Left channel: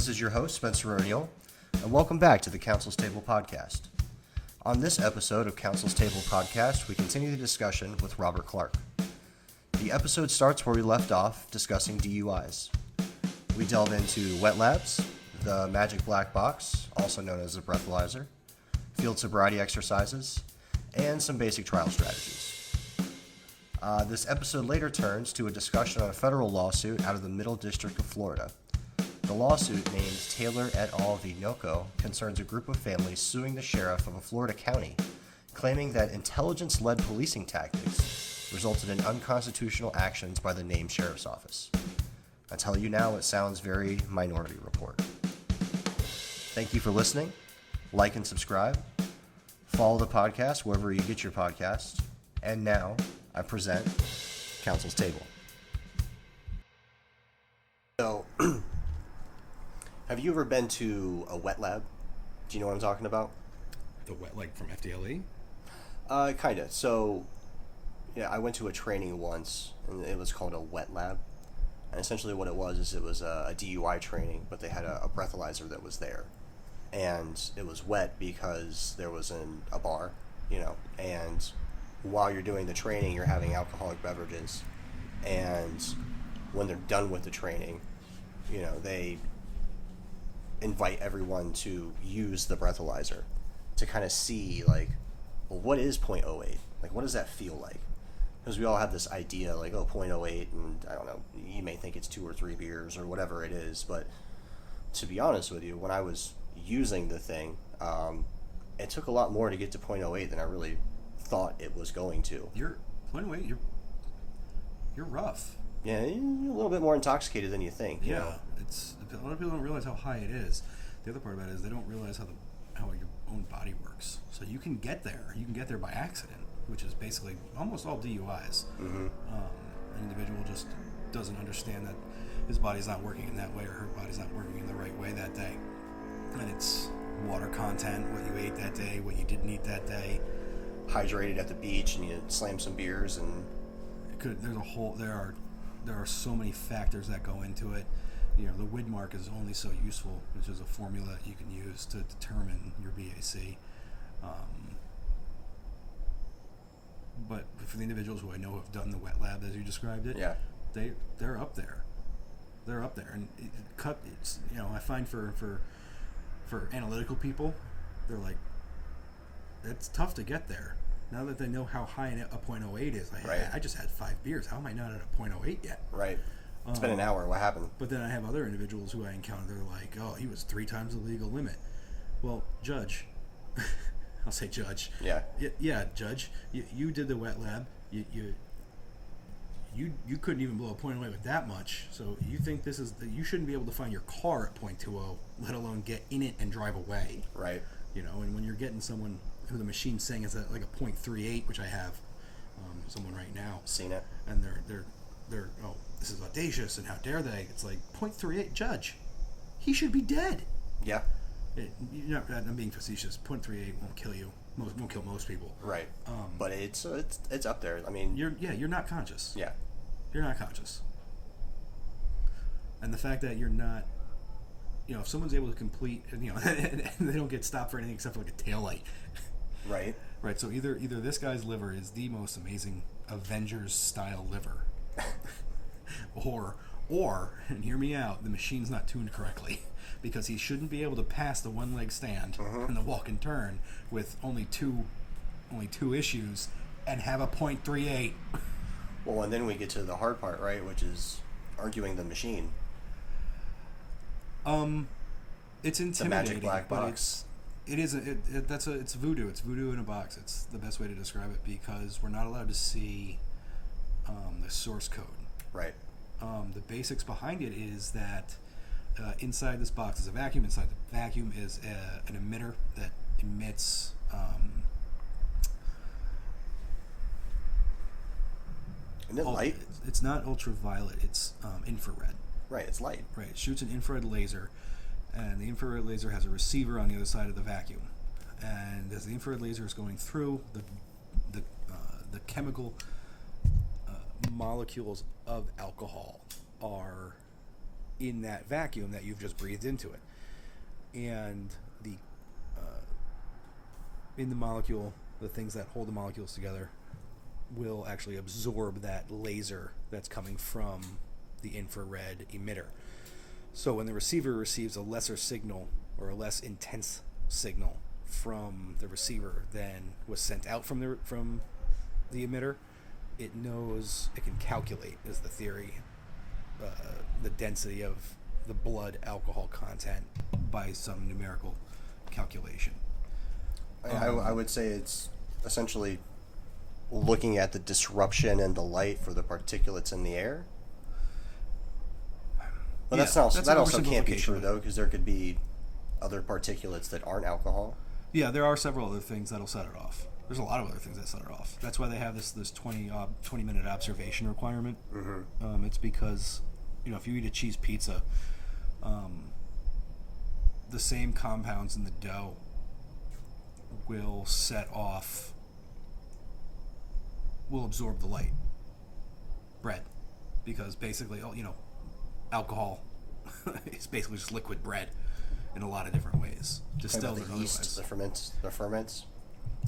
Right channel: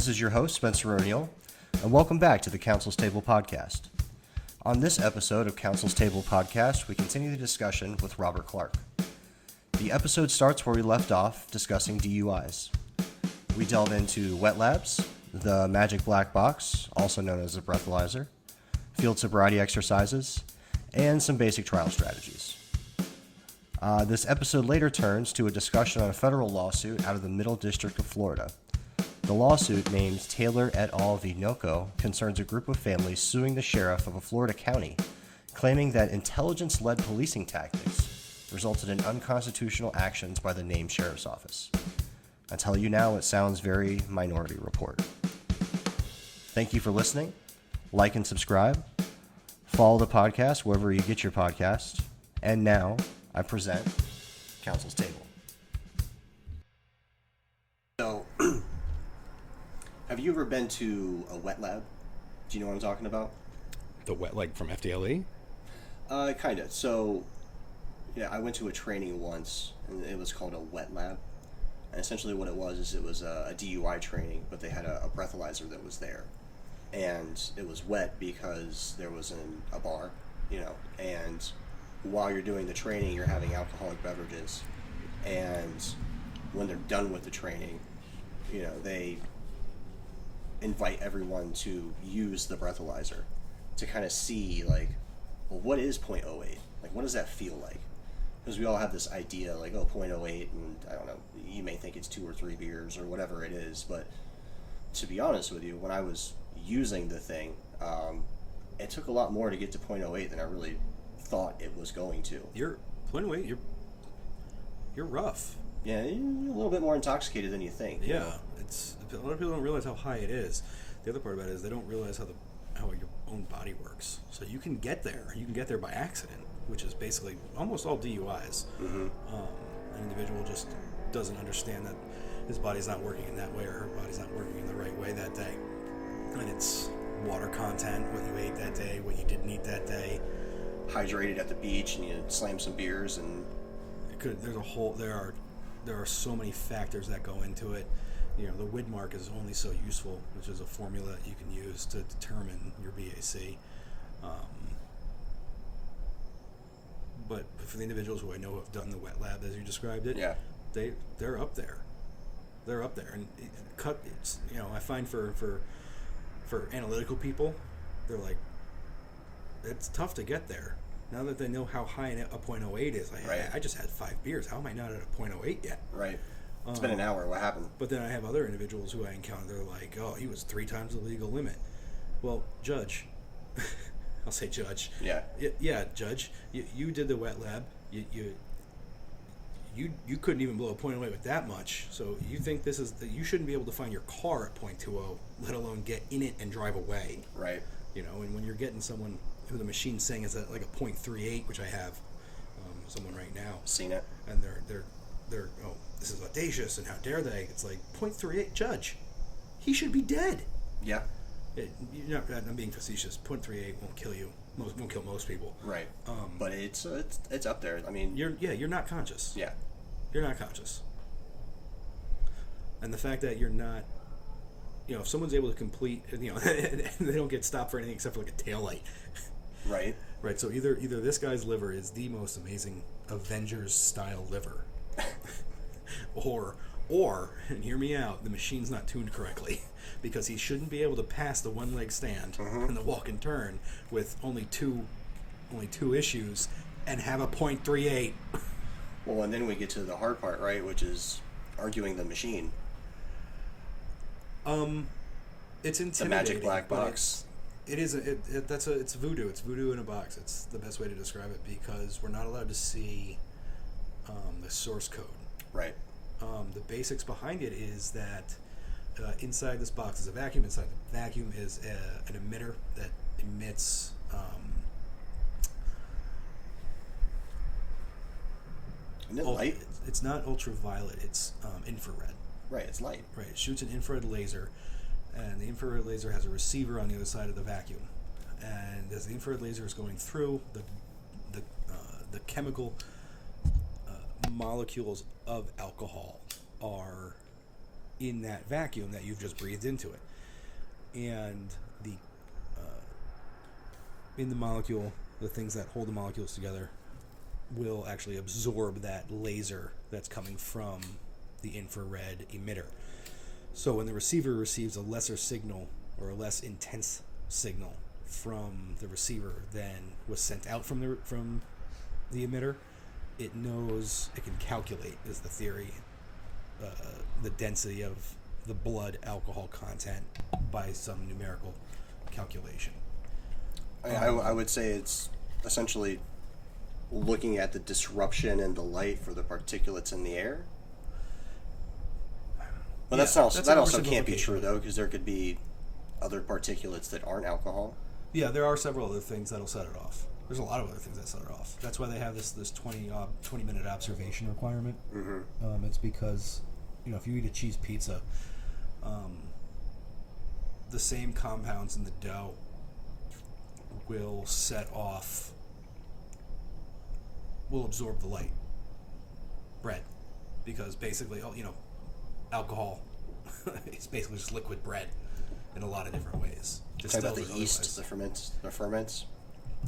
This is your host, Spencer O'Neill, and welcome back to the Counsel's Table podcast. On this episode of Counsel's Table podcast, we continue the discussion with Robert Clark. The episode starts where we left off, discussing DUIs. We delve into wet labs, the magic black box, also known as a breathalyzer, field sobriety exercises, and some basic trial strategies. This episode later turns to a discussion on a federal lawsuit out of the Middle District of Florida. The lawsuit, named Taylor et al. V. Nocco, concerns a group of families suing the sheriff of a Florida county, claiming that intelligence-led policing tactics resulted in unconstitutional actions by the named sheriff's office. I tell you now, it sounds very Minority Report. Thank you for listening. Like and subscribe. Follow the podcast wherever you get your podcasts. And now, I present Counsel's Table. So, have you ever been to a wet lab? Do you know what I'm talking about? The wet, like from FDLE? Kinda. So, yeah, I went to a training once, and it was called a wet lab. And essentially what it was a DUI training, but they had a breathalyzer that was there. And it was wet because there was a bar, and while you're doing the training, you're having alcoholic beverages. And when they're done with the training, they invite everyone to use the breathalyzer to kind of see, what is 0.08? What does that feel like? Because we all have this idea, 0.08, and I don't know, you may think it's 2 or 3 beers or whatever it is, but to be honest with you, when I was using the thing, it took a lot more to get to 0.08 than I really thought it was going to. You're 0.08, you're rough. Yeah, you're a little bit more intoxicated than you think. Yeah, it's a lot of people don't realize how high it is. The other part about it is they don't realize how your own body works. So you can get there. You can get there by accident, which is basically almost all DUIs. Mm-hmm. An individual just doesn't understand that his body's not working in that way, or her body's not working in the right way that day. And it's water content, what you ate that day, what you didn't eat that day. Hydrated at the beach, and you slam some beers, and there are so many factors that go into it. The Widmark is only so useful, which is a formula that you can use to determine your VAC. But for the individuals who I know have done the wet lab, as you described it, yeah, they're up there. They're up there, and I find for analytical people, they're like, it's tough to get there. Now that they know how high a 0.08 is, right. I just had 5 beers. How am I not at a 0.08 yet? Right. It's been an hour. What happened? But then I have other individuals who I encounter. They're like, oh, he was 3 times the legal limit. Well, Judge, I'll say Judge. Yeah. Yeah, Judge. You did the wet lab. You couldn't even blow a 0.08 with that much. So you think you shouldn't be able to find your car at 0.20, let alone get in it and drive away. Right. And when you're getting someone who the machine's saying is at a 0.38, which I have someone right now. Seen it. And they're oh, this is audacious, and how dare they? It's 0.38, Judge. He should be dead. Yeah. I'm being facetious. 0.38 won't kill you. Won't kill most people. Right. But it's up there. I mean, you're not conscious. Yeah. You're not conscious. And the fact that you're not, if someone's able to complete, and they don't get stopped for anything except for a taillight. Right. Right. So either this guy's liver is the most amazing Avengers style liver, or and hear me out, the machine's not tuned correctly, because he shouldn't be able to pass the one leg stand and the walk and turn with only two issues and have a 0.38. Well, and then we get to the hard part, right, which is arguing the machine. It's intimidating. The magic black box. It's voodoo. It's voodoo in a box. It's the best way to describe it, because we're not allowed to see the source code. Right. The basics behind it is that inside this box is a vacuum. Inside the vacuum is an emitter that emits Isn't it light? It's not ultraviolet. It's infrared. Right. It's light. Right. It shoots an infrared laser, and the infrared laser has a receiver on the other side of the vacuum. And as the infrared laser is going through, the chemical molecules of alcohol are in that vacuum that you've just breathed into it. And the in the molecule, the things that hold the molecules together will actually absorb that laser that's coming from the infrared emitter. So when the receiver receives a lesser signal or a less intense signal from the receiver than was sent out from the emitter, it knows, it can calculate, is the theory, the density of the blood alcohol content by some numerical calculation. I would say it's essentially looking at the disruption in the light for the particulates in the air. But that also can't be true, though, because there could be other particulates that aren't alcohol. Yeah, there are several other things that'll set it off. There's a lot of other things that set it off. That's why they have this 20-minute observation requirement. Mm-hmm. It's because, if you eat a cheese pizza, the same compounds in the dough will absorb the light. Bread. Because basically, alcohol is basically just liquid bread in a lot of different ways. Distilled the yeast, the ferments.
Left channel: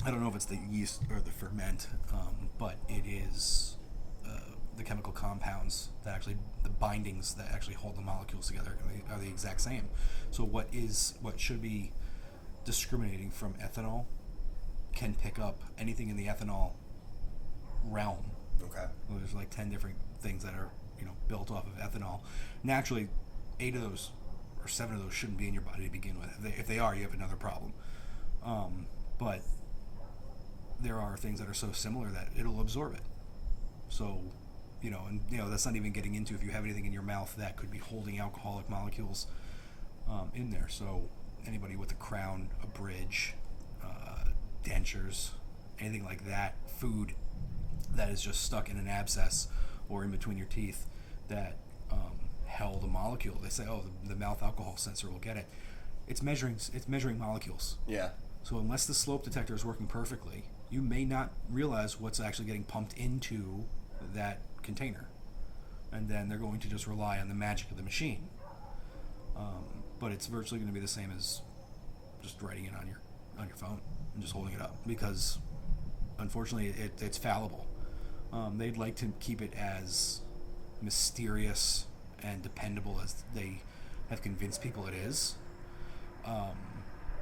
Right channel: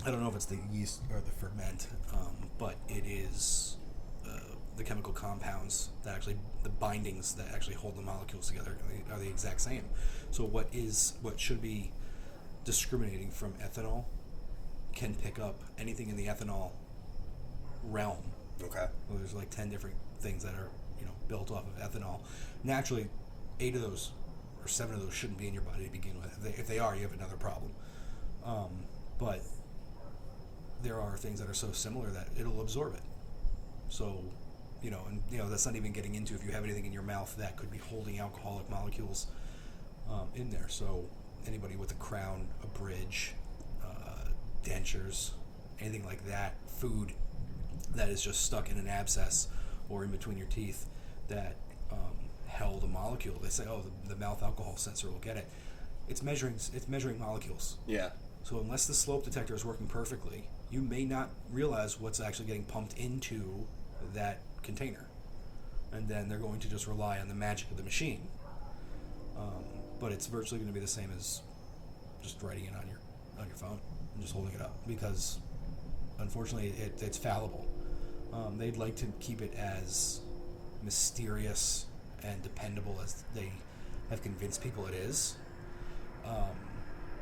I don't know if it's the yeast or the ferment, but it is the chemical compounds that actually, the bindings that actually hold the molecules together are the exact same. So what should be discriminating from ethanol can pick up anything in the ethanol realm. Okay. Well, there's like 10 different things that are built off of ethanol. Naturally, 8 of those or 7 of those shouldn't be in your body to begin with. If they are, you have another problem. But there are things that are so similar that it'll absorb it. So, that's not even getting into if you have anything in your mouth that could be holding alcoholic molecules in there. So anybody with a crown, a bridge, dentures, anything like that, food that is just stuck in an abscess or in between your teeth that held a molecule. They say, the mouth alcohol sensor will get it. It's measuring molecules. Yeah. So unless the slope detector is working perfectly, you may not realize what's actually getting pumped into that container. And then they're going to just rely on the magic of the machine. But it's virtually going to be the same as just writing it on your phone and just holding it up, because unfortunately it's fallible. They'd like to keep it as mysterious and dependable as they have convinced people it is.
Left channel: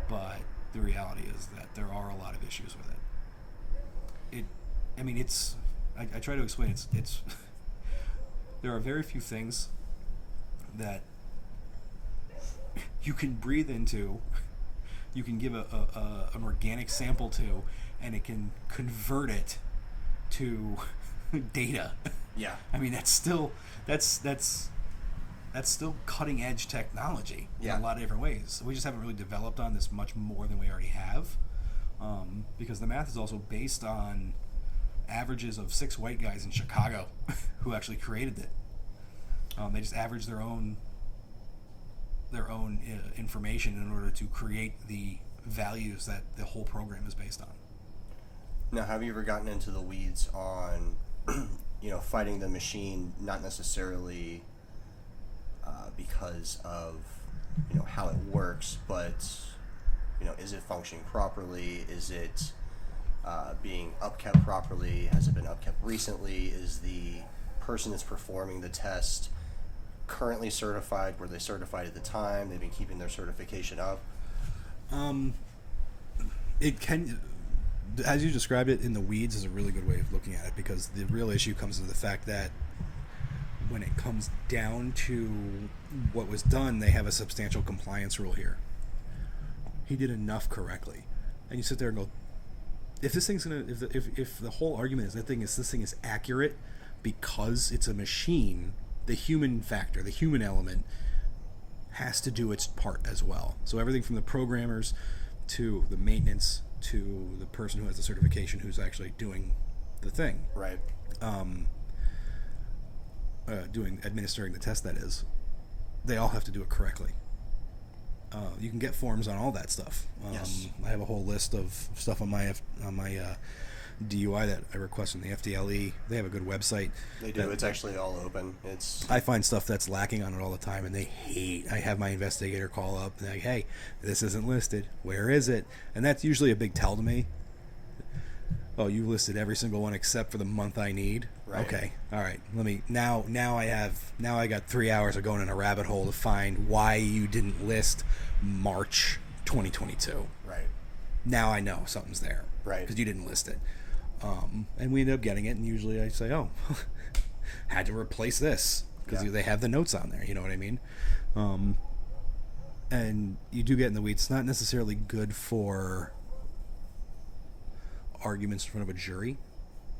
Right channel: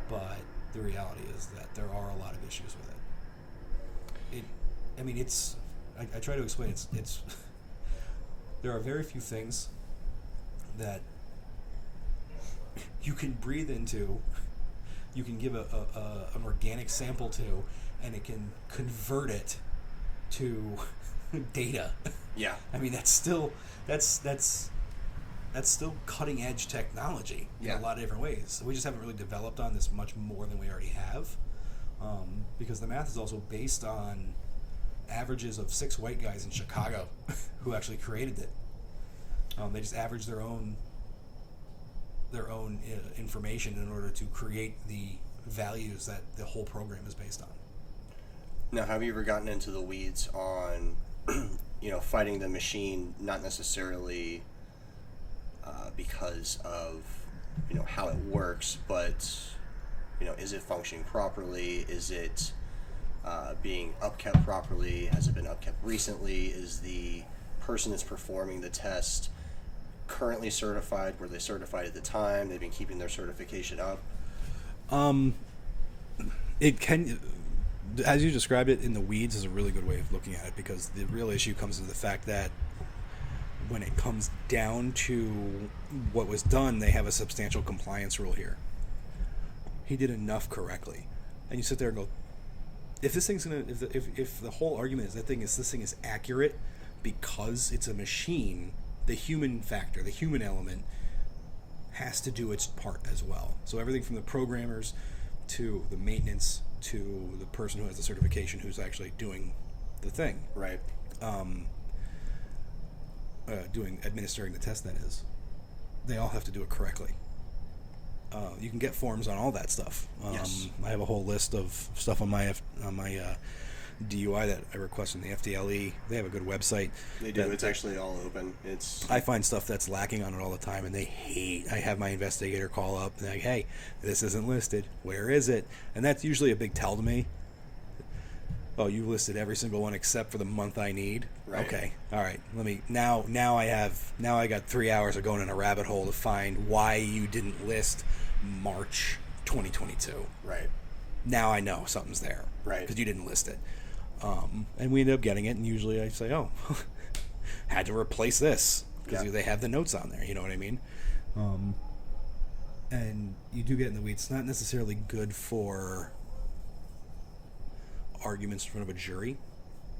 But the reality is that there are a lot of issues with it. I try to explain it's there are very few things that you can breathe into, you can give an organic sample to, and it can convert it to data. Yeah. That's still cutting edge technology in a lot of different ways. We just haven't really developed on this much more than we already have, because the math is also based on averages of 6 white guys in Chicago who actually created it. They just averaged their own information in order to create the values that the whole program is based on. Now, have you ever gotten into the weeds on, fighting the machine, not necessarily because of, how it works, but, is it functioning properly? Is it being upkept properly? Has it been upkept recently? Is the person that's performing the test currently certified? Were they certified at the time? They've been keeping their certification up? It can, as you described it, in the weeds is a really good way of looking at it, because the real issue comes to the fact that when it comes down to what was done, they have a substantial compliance rule here. He did enough correctly. And you sit there and go, if this thing's gonna, if the whole argument is this thing is accurate because it's a machine, the human factor, the human element, has to do its part as well. So everything from the programmers to the maintenance to the person who has the certification who's actually doing the thing. Right. Administering the test, that is. They all have to do it correctly. You can get forms on all that stuff. Yes. I have a whole list of stuff on my DUI that I request from the FDLE. They have a good website. They do. It's actually all open. I find stuff that's lacking on it all the time, and they hate. I have my investigator call up and like, "Hey, this isn't listed. Where is it?" And that's usually a big tell to me. Oh, you listed every single one except for the month I need. Right. Okay, all right. Let me now. I got 3 hours of going in a rabbit hole to find why you didn't list March 2022. Right. Now I know something's there. Right. Because you didn't list it. And we end up getting it, and usually I say, "Oh, had to replace this," because they have the notes on there. You know what I mean? And you do get in the weeds. It's not necessarily good for arguments in front of a jury.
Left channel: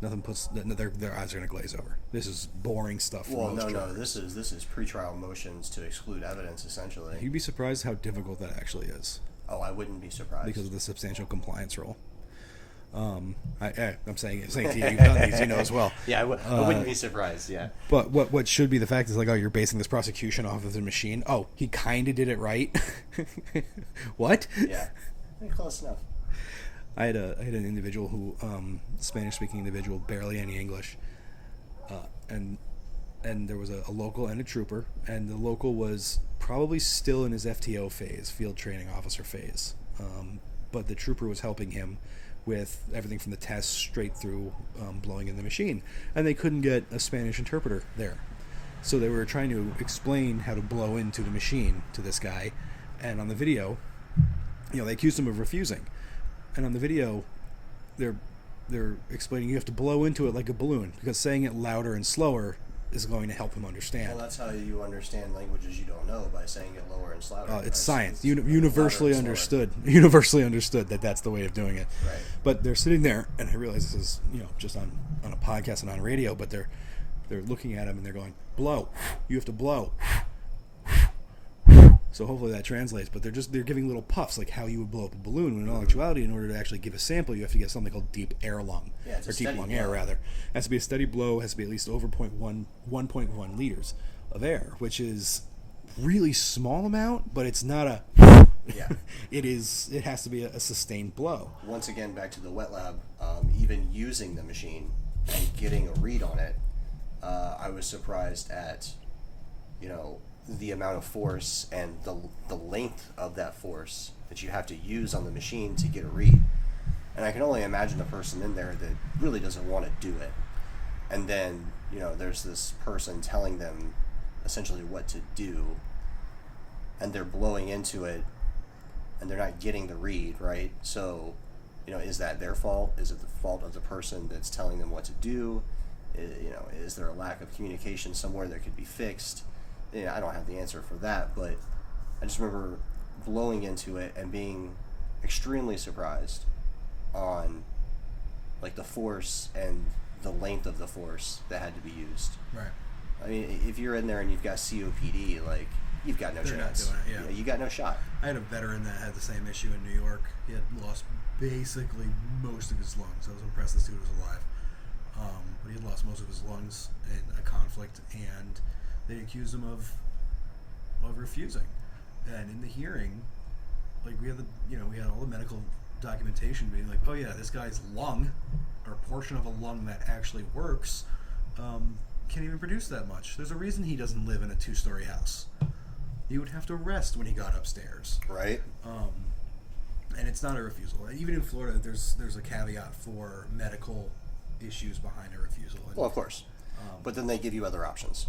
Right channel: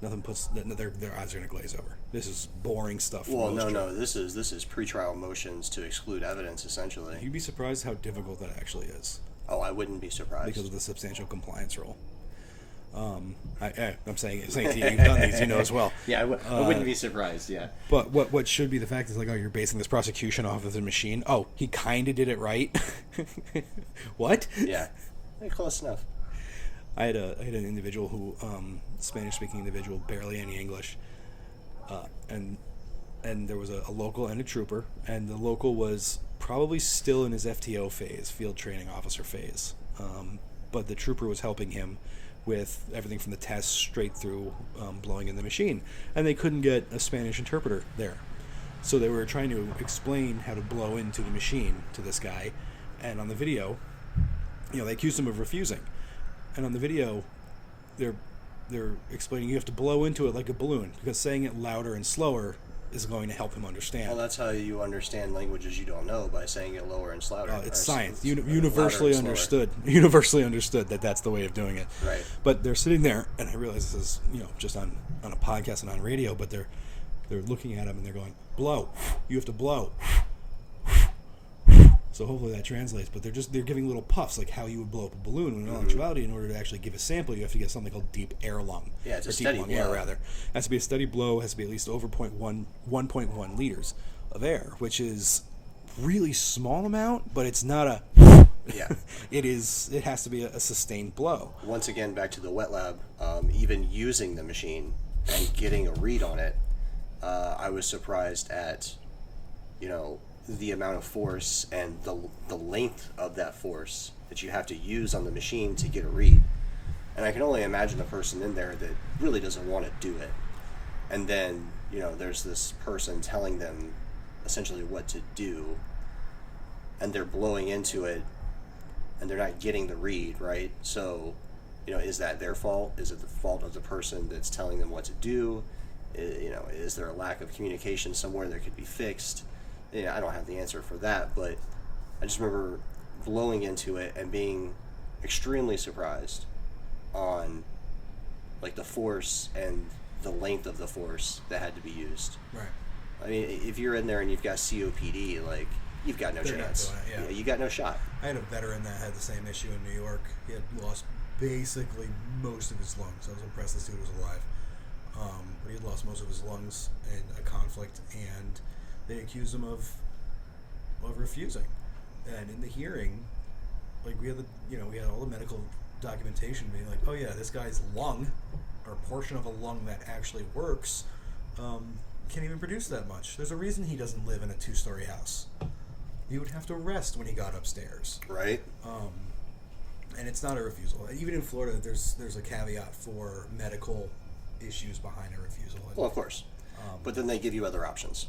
Nothing puts their eyes are going to glaze over. This is boring stuff. Well, no. This is pretrial motions to exclude evidence, essentially. You'd be surprised how difficult that actually is. Oh, I wouldn't be surprised because of the substantial compliance rule. I'm saying to you, you've done these, you know as well. Yeah, I wouldn't be surprised. Yeah. But what should be the fact is like, oh, you're basing this prosecution off of the machine. Oh, he kind of did it right. What? Yeah, close enough. I had an individual who Spanish-speaking individual, barely any English, and there was a local and a trooper, and the local was probably still in his FTO phase, field training officer phase, but the trooper was helping him with everything from the test straight through blowing in the machine, and they couldn't get a Spanish interpreter there, so they were trying to explain how to blow into the machine to this guy, and on the video, they accused him of refusing, and on the video, they're explaining you have to blow into it like a balloon because saying it louder and slower is going to help him understand. Well, that's how you understand languages you don't know, by saying it lower and louder. It's science. Universally understood. Universally understood that that's the way of doing it. Right. But they're sitting there, and I realize this is just on a podcast and on radio, but they're looking at him and they're going, blow. You have to blow. So hopefully that translates, but they're giving little puffs like how you would blow up a balloon. When in actuality, in order to actually give a sample, you have to get something called deep air lung. Yeah, it's or a steady deep lung blow. air rather. It has to be a steady blow. It has to be at least over 1.1 liters of air, which is really small amount, but it's not a. Yeah. It has to be a sustained blow. Once again, back to the wet lab. Even using the machine and getting a read on it, I was surprised at, the amount of force and the length of that force that you have to use on the machine to get a read. And I can only imagine the person in there that really doesn't want to do it. And then, there's this person telling them essentially what to do, and they're blowing into it, and they're not getting the read, right? So, is that their fault? Is it the fault of the person that's telling them what to do? Is there a lack of communication somewhere that could be fixed? I don't have the answer for that, but I just remember blowing into it and being extremely surprised on like the force and the length of the force that had to be used. Right. I mean, if you're in there and you've got COPD, like, you've got no chance. Not doing it, You got no shot. I had a veteran that had the same issue in New York. He had lost basically most of his lungs. I was impressed this dude was alive. But he had lost most of his lungs in a conflict, and they accused him of refusing. And in the hearing, like, we had all the medical documentation being like, oh yeah, this guy's lung, or portion of a lung that actually works, can't even produce that much. There's a reason he doesn't live in a 2-story house. He would have to rest when he got upstairs. Right. And it's not a refusal. Even in Florida, there's a caveat for medical issues behind a refusal. Well, of course. But then they give you other options.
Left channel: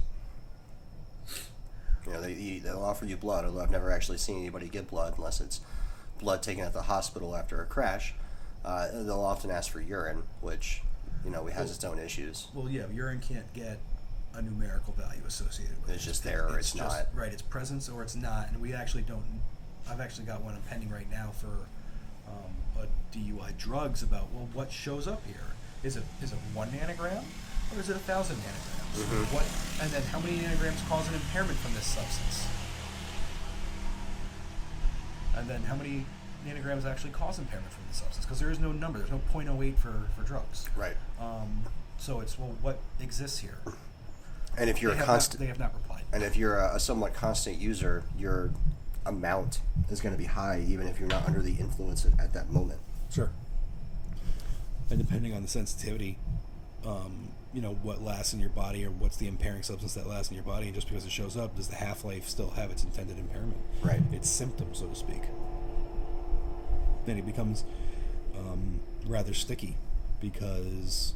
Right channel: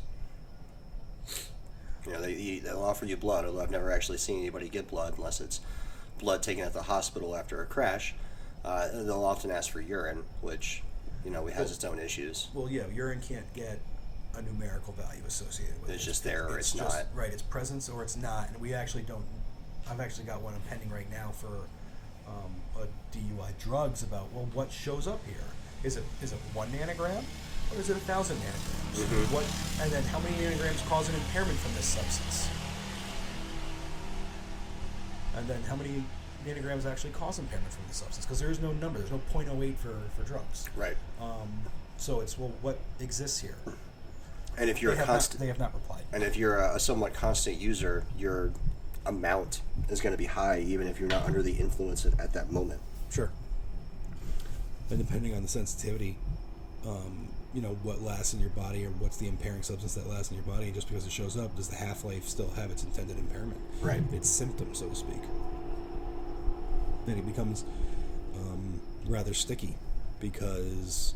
They'll offer you blood, although I've never actually seen anybody get blood unless it's blood taken at the hospital after a crash. They'll often ask for urine, which, has its own issues. Well, yeah, urine can't get a numerical value associated with it. It's just there or it's not. Right, it's presence or it's not. And we actually don't. I've actually got one pending right now for a DUI drugs about, what shows up here? Is it 1 nanogram? Or is it 1,000 nanograms? Mm-hmm. And then how many nanograms cause an impairment from this substance? And then how many nanograms actually cause impairment from the substance? Because there is no number. There's no 0.08 for drugs. Right. So it's, what exists here? And if you're they have not replied. And if you're a somewhat constant user, your amount is going to be high, even if you're not under the influence at that moment. Sure. and depending on the sensitivity, what lasts in your body, or what's the impairing substance that lasts in your body, and just because it shows up, does the half-life still have its intended impairment? Right. Its symptom, so to speak. Then it becomes rather sticky because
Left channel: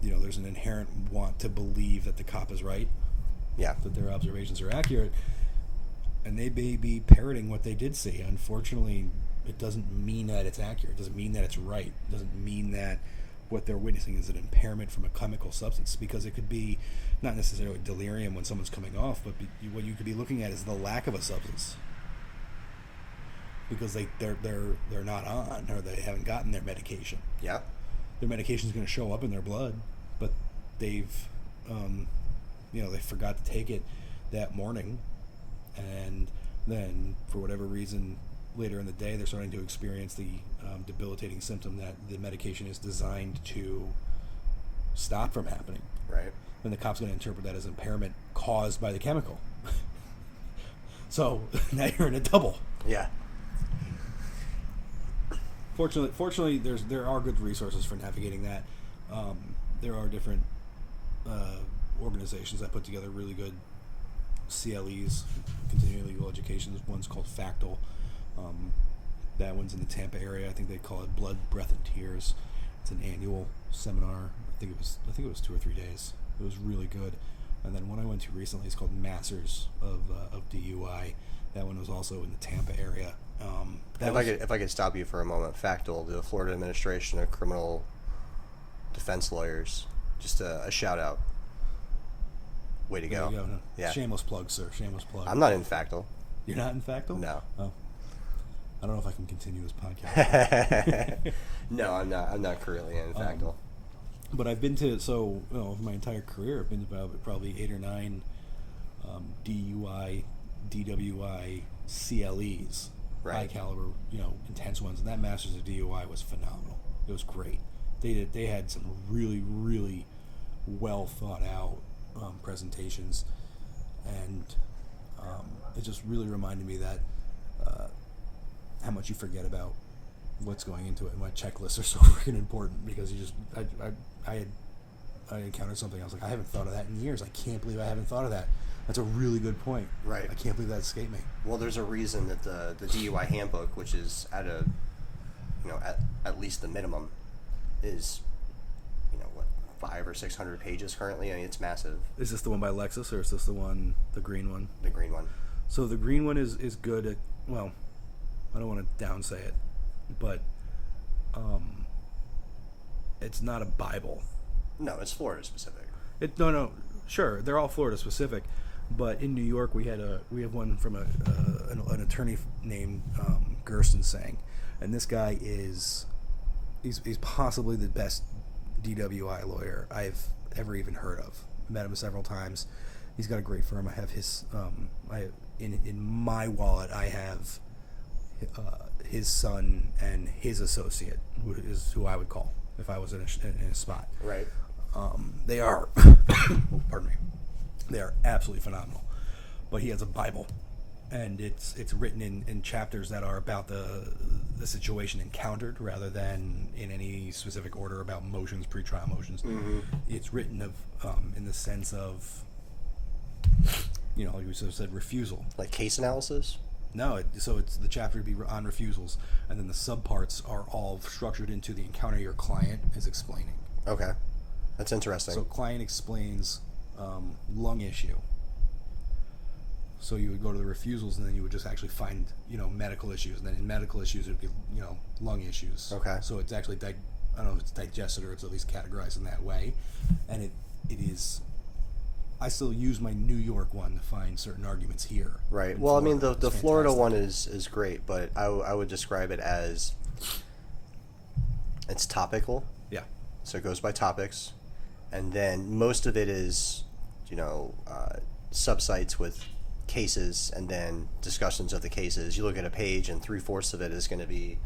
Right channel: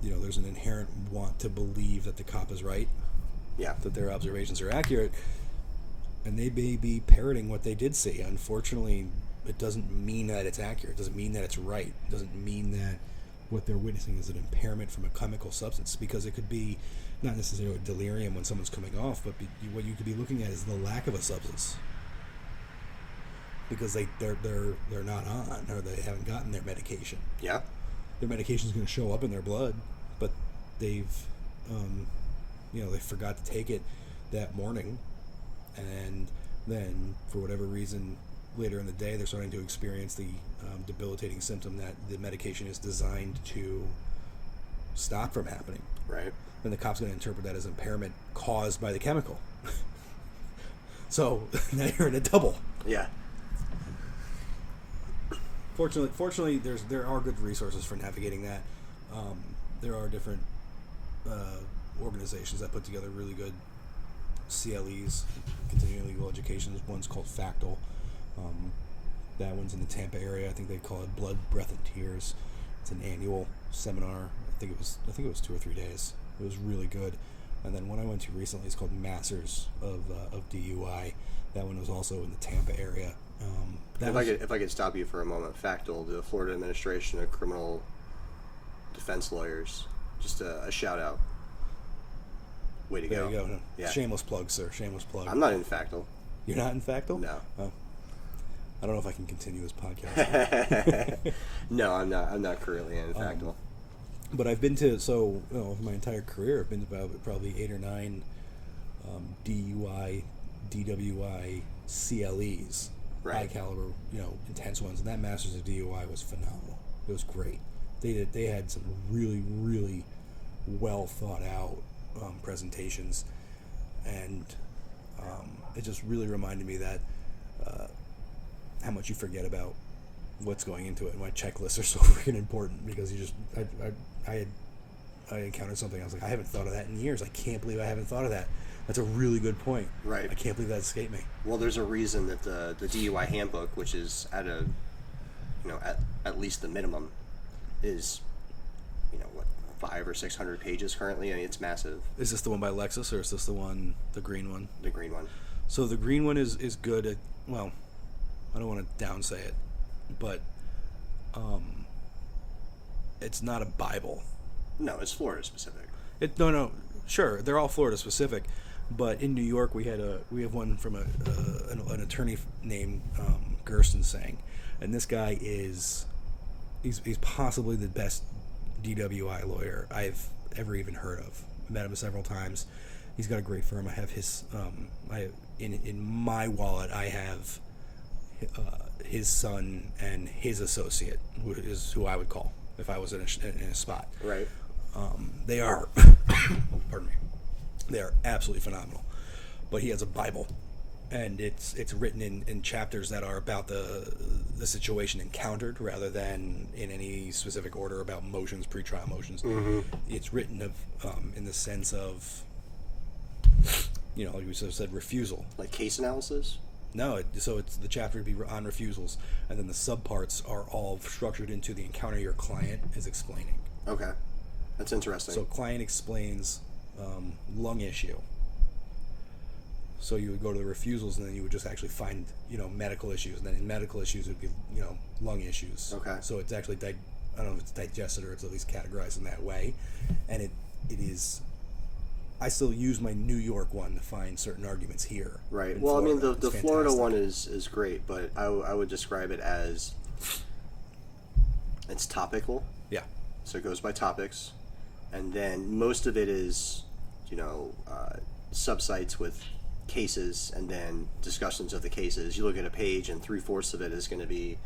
there's an inherent want to believe that the cop is right, that their observations are accurate, and they may be parroting what they did see. Unfortunately, it doesn't mean that it's accurate. It doesn't mean that it's right. It doesn't mean that what they're witnessing is an impairment from a chemical substance, because it could be not necessarily delirium when someone's coming off, but what you could be looking at is the lack of a substance, because they're not on, or they haven't gotten their medication. Yeah. Their medication is going to show up in their blood, but they've they forgot to take it that morning, and then for whatever reason later in the day they're starting to experience the debilitating symptom that the medication is designed to stop from happening. Right. And the cop's going to interpret that as impairment caused by the chemical. So now you're in a double. Yeah. Fortunately, there are good resources for navigating that. There are different organizations that put together really good CLEs, continuing legal education. One's called Factal. That one's in the Tampa area. I think they call it Blood, Breath, and Tears. It's an annual seminar. I think it was 2 or 3 days. It was really good. And then one I went to recently is called Masters of DUI. That one was also in the Tampa area. If I could stop you for a moment, Factal, the Florida Administration of Criminal Defense Lawyers, just a shout out. Way to go. There you go. No. Yeah. Shameless plug, sir. Shameless plug. I'm not in Factal. You're not in Factal? No. Oh. I don't know if I can continue this podcast. No, I'm not currently in Factal. But I've been to, my entire career, I've been to about probably 8 or 9 DUI, DWI, CLEs, right. high caliber, intense ones. And that Masters of DUI was phenomenal. It was great. They had some really, really well thought out presentations, and it just really reminded me that how much you forget about what's going into it, and why checklists are so freaking important, because I encountered something, I was like, I haven't thought of that in years. I can't believe I haven't thought of that. That's a really good point. Right. I can't believe that escaped me. Well, there's a reason that the DUI handbook, which is at least the minimum, is 500 or 600 pages currently. I mean, it's massive. Is this the one by Lexus, or is this the green one? The green one. So the green one is good at, well, I don't want to downsay it, but it's not a Bible. No, it's Florida specific. No, sure, they're all Florida specific, but in New York we have one from an attorney named Gerstensang, and this guy he's possibly the best DWI lawyer I've ever even heard of. Met him several times. He's got a great firm. I have his in my wallet I have his son and his associate, who I would call if I was in a spot. Right. They are pardon me. They are absolutely phenomenal. But he has a Bible, and it's written in chapters that are about the situation encountered, rather than in any specific order about motions, pretrial motions. Mm-hmm. It's written in the sense of, like we said, refusal. Like case analysis? No, so it's the chapter to be on refusals, and then the subparts are all structured into the encounter your client is explaining. Okay, that's interesting. So client explains lung issue. So you would go to the refusals, and then you would just actually find, medical issues. And then in medical issues, it would be, lung issues. Okay. So it's actually, I don't know if it's digested or it's at least categorized in that way. And it is, I still use my New York one to find certain arguments here. Right. In Well, Florida. I mean, the Florida fantastic. one is great, but I would describe it as it's topical. Yeah. So it goes by topics. And then most of it is, subsites with cases and then discussions of the cases. You look at a page and 3/4 of it is going to be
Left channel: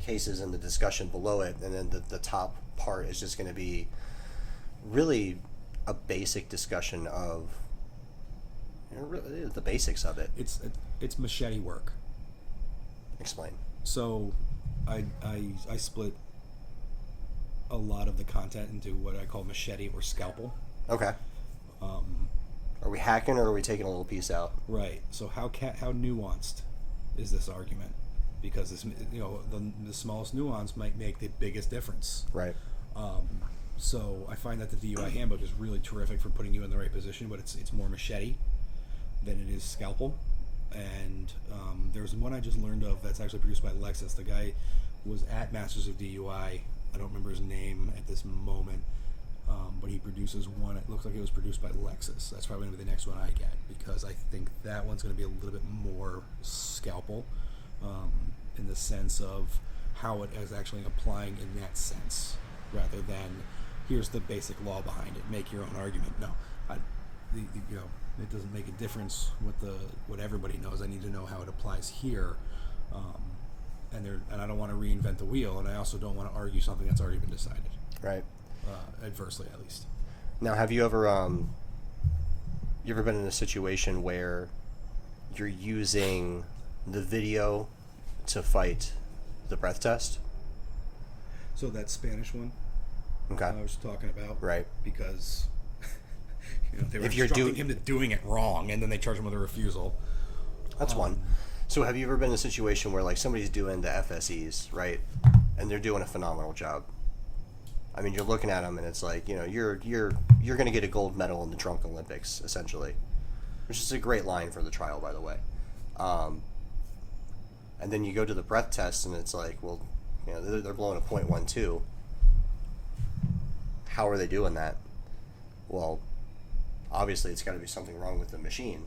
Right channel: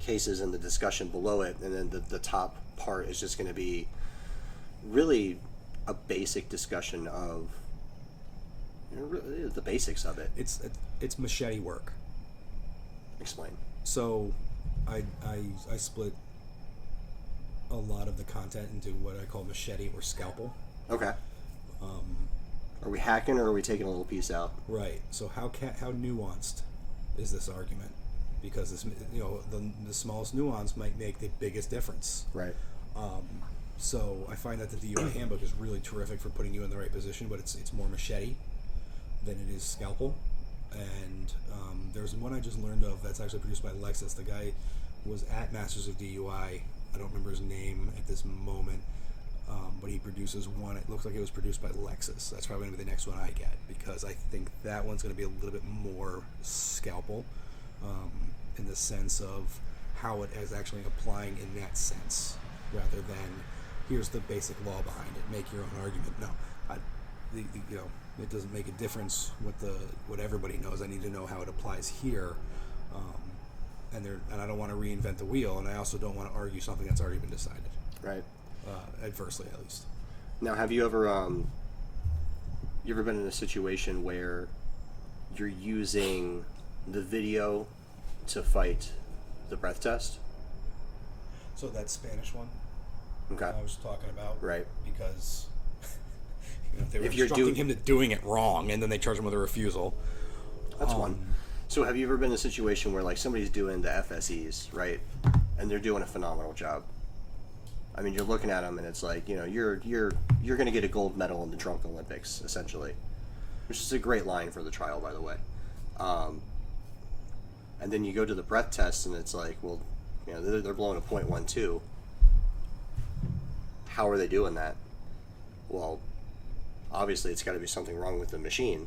cases and the discussion below it, and then the top part is just going to be really a basic discussion of really the basics of it. It's machete work. Explain. So I split a lot of the content into what I call machete or scalpel. Okay. Are we hacking or are we taking a little piece out? Right. So how nuanced is this argument? Because this, the smallest nuance might make the biggest difference. Right. So I find that the DUI handbook is really terrific for putting you in the right position, but it's more machete than it is scalpel. And there's one I just learned of that's actually produced by Lexus. The guy was at Masters of DUI. I don't remember his name at this moment, but he produces one. It looks like it was produced by Lexus. That's probably going to be the next one I get, because I think that one's going to be a little bit more scalpel in the sense of how it is actually applying in that sense, rather than here's the basic law behind it, make your own argument. No, it doesn't make a difference what everybody knows. I need to know how it applies here, and I don't want to reinvent the wheel, and I also don't want to argue something that's already been decided. Right. Adversely, at least. Now, have you ever been in a situation where you're using the video to fight the breath test? So that Spanish one, okay, I was talking about, right? Because they were if you're instructing him to doing it wrong, and then they charge him with a refusal. That's one. So have you ever been in a situation where, like, somebody's doing the FSEs, right, and they're doing a phenomenal job? I mean, you're looking at them, and it's like, you're going to get a gold medal in the Drunk Olympics, essentially, which is a great line for the trial, by the way. And then you go to the breath test, and it's like, well, they're blowing a .12. How are they doing that? Well, obviously, it's got to be something wrong with the machine.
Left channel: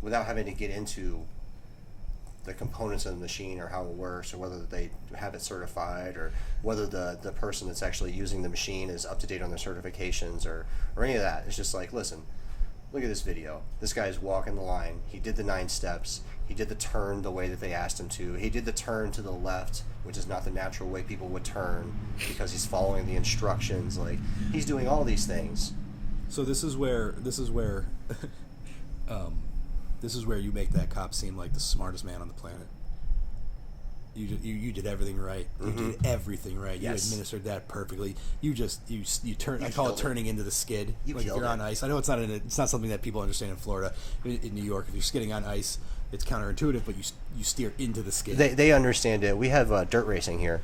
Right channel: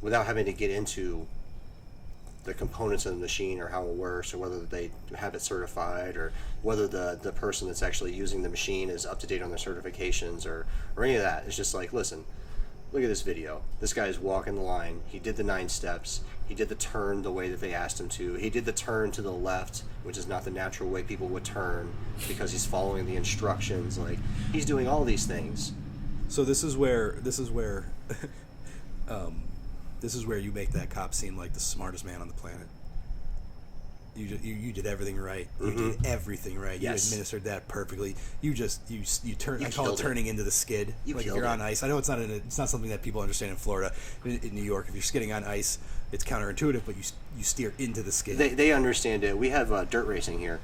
Without having to get into the components of the machine or how it works, or whether they have it certified, or whether the person that's actually using the machine is up to date on their certifications, or any of that. It's just like, listen, look at this video. This guy is walking the line. He did the 9 steps. He did the turn the way that they asked him to. He did the turn to the left, which is not the natural way people would turn, because he's following the instructions. Like, he's doing all these things. So this is where you make that cop seem like the smartest man on the planet. You did everything right. You did everything right. Yes. You administered that perfectly. You turn. I call it turning into the skid. Like if you're on ice. I know it's not something that people understand in Florida. In New York, if you're skidding on ice, it's counterintuitive, but you steer into the skid. They understand it. We have dirt racing here.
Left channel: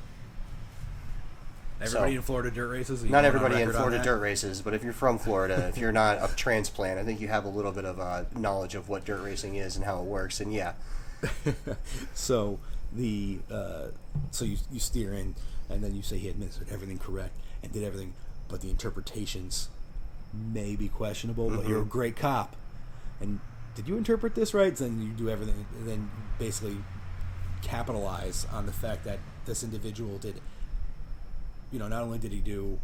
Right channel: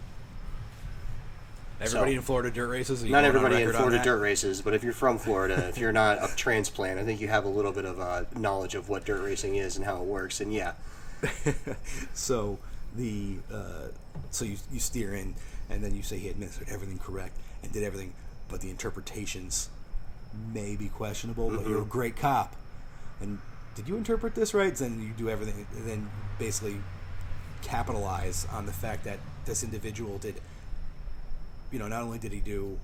Everybody in Florida dirt races? Not everybody in Florida dirt races, but if you're from Florida, if you're not a transplant, I think you have a little bit of knowledge of what dirt racing is and how it works, and yeah. So you steer in, and then you say he administered everything correct and did everything, but the interpretations may be questionable, but you're a great cop. And did you interpret this right? Then you do everything, and then basically capitalize on the fact that this individual did, not only did he do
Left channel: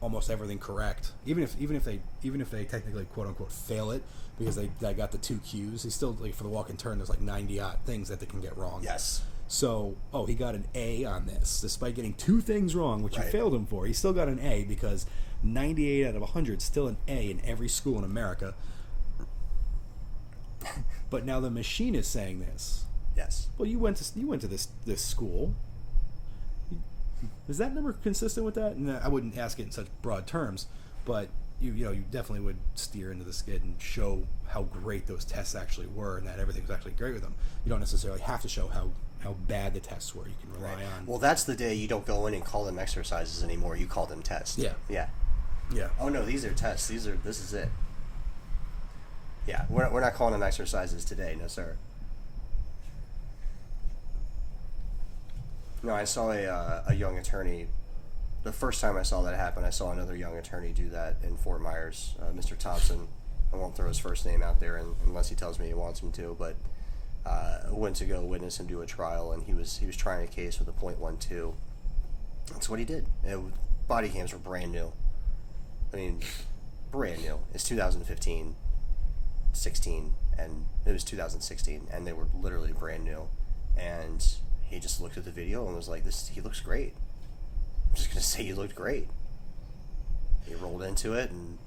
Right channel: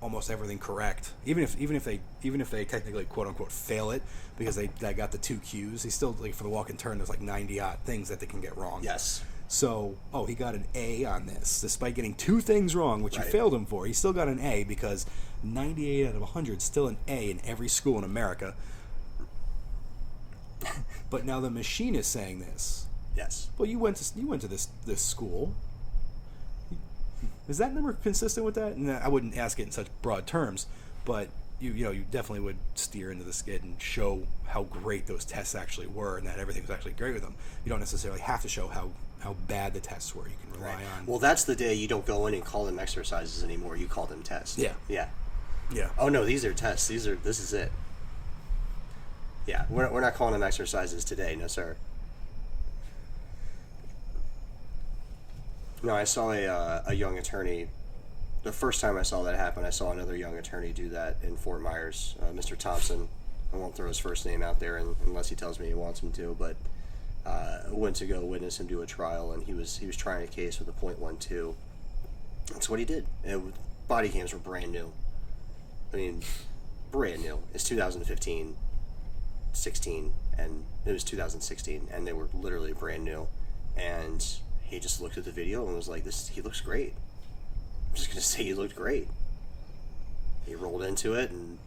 almost everything correct, even if they technically quote unquote fail it because they got the 2 Qs, he still, like, for the walk and turn, there's like 90 odd things that they can get wrong. Yes. So, he got an A on this despite getting 2 things wrong, which you failed him for. He still got an A because 98 out of 100 is still an A in every school in America. But now the machine is saying this. Yes. Well, you went to this school. Is that number consistent with that? And I wouldn't ask it in such broad terms, but you definitely would steer into the skid and show how great those tests actually were, and that everything was actually great with them. You don't necessarily have to show how bad the tests were. You can rely on. Well, that's the day you don't go in and call them exercises anymore. You call them tests. Yeah. Oh no, these are tests. This is it. Yeah, we're not calling them exercises today, no sir. No, I saw a young attorney. The first time I saw that happen, I saw another young attorney do that in Fort Myers. Mr. Thompson. I won't throw his first name out there unless he tells me he wants me to. But went to go witness him do a trial, and he was trying a case with a .12. That's what he did. And body cams were brand new. I mean, brand new. It's 2015, 16, and it was 2016, and they were literally brand new. And he just looked at the video and was like, he looks great. I'm just going to say he looked great. He rolled into it and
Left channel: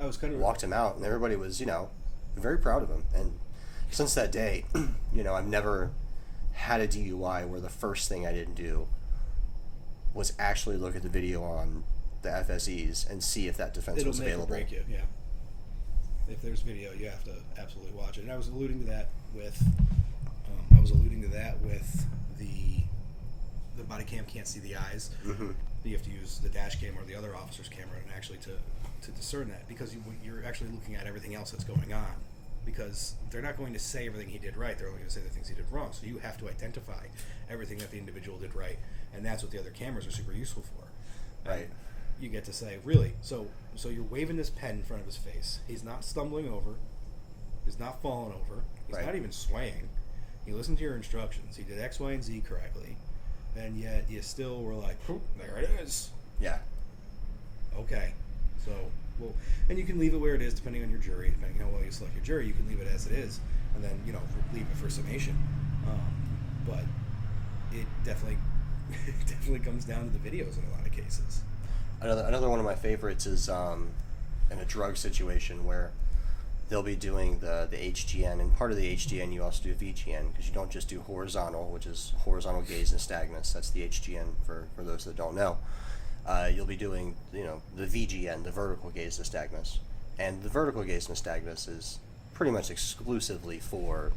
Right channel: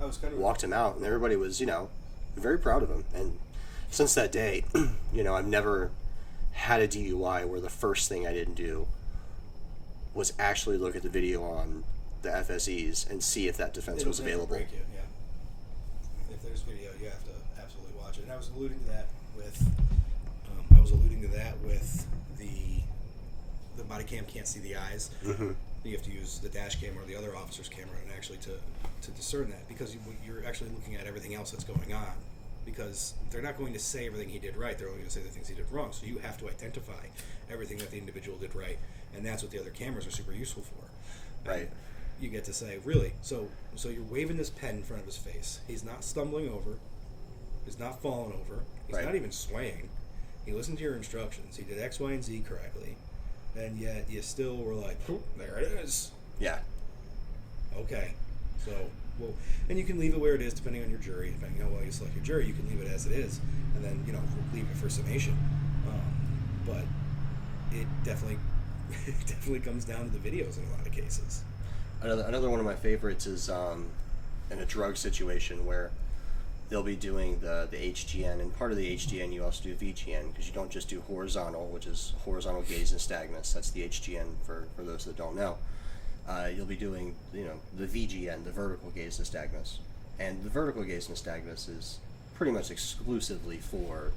walked him out, and everybody was, very proud of him. And since that day, I've never had a DUI where the first thing I didn't do was actually look at the video on the FSEs and see if that defense was available. It'll make or break you, yeah. If there's video, you have to absolutely watch it. And I was alluding to that with the body cam can't see the eyes. Mm-hmm. You have to use the dash cam or the other officer's camera and actually to discern that, because you're actually looking at everything else that's going on. Because they're not going to say everything he did right, they're only going to say the things he did wrong. So you have to identify everything that the individual did right, and that's what the other cameras are super useful for. Right. And you get to say, really? So you're waving this pen in front of his face. He's not stumbling over. He's not falling over. He's Right. not even swaying. He listened to your instructions. He did X, Y, and Z correctly. And yet you still were like, "Poof, there it is." Yeah. Okay. So, well, and you can leave it where it is depending on your jury. Depending on how well you select your jury, you can leave it as it is, and then leave it for summation. But it definitely comes down to the videos in a lot of cases. Another one of my favorites is in a drug situation where they'll be doing the HGN, and part of the HGN you also do VGN, because you don't just do horizontal, which is horizontal gaze nystagmus. That's the HGN for those that don't know. You'll be doing the VGN, the vertical gaze nystagmus, and the vertical gaze nystagmus is pretty much exclusively for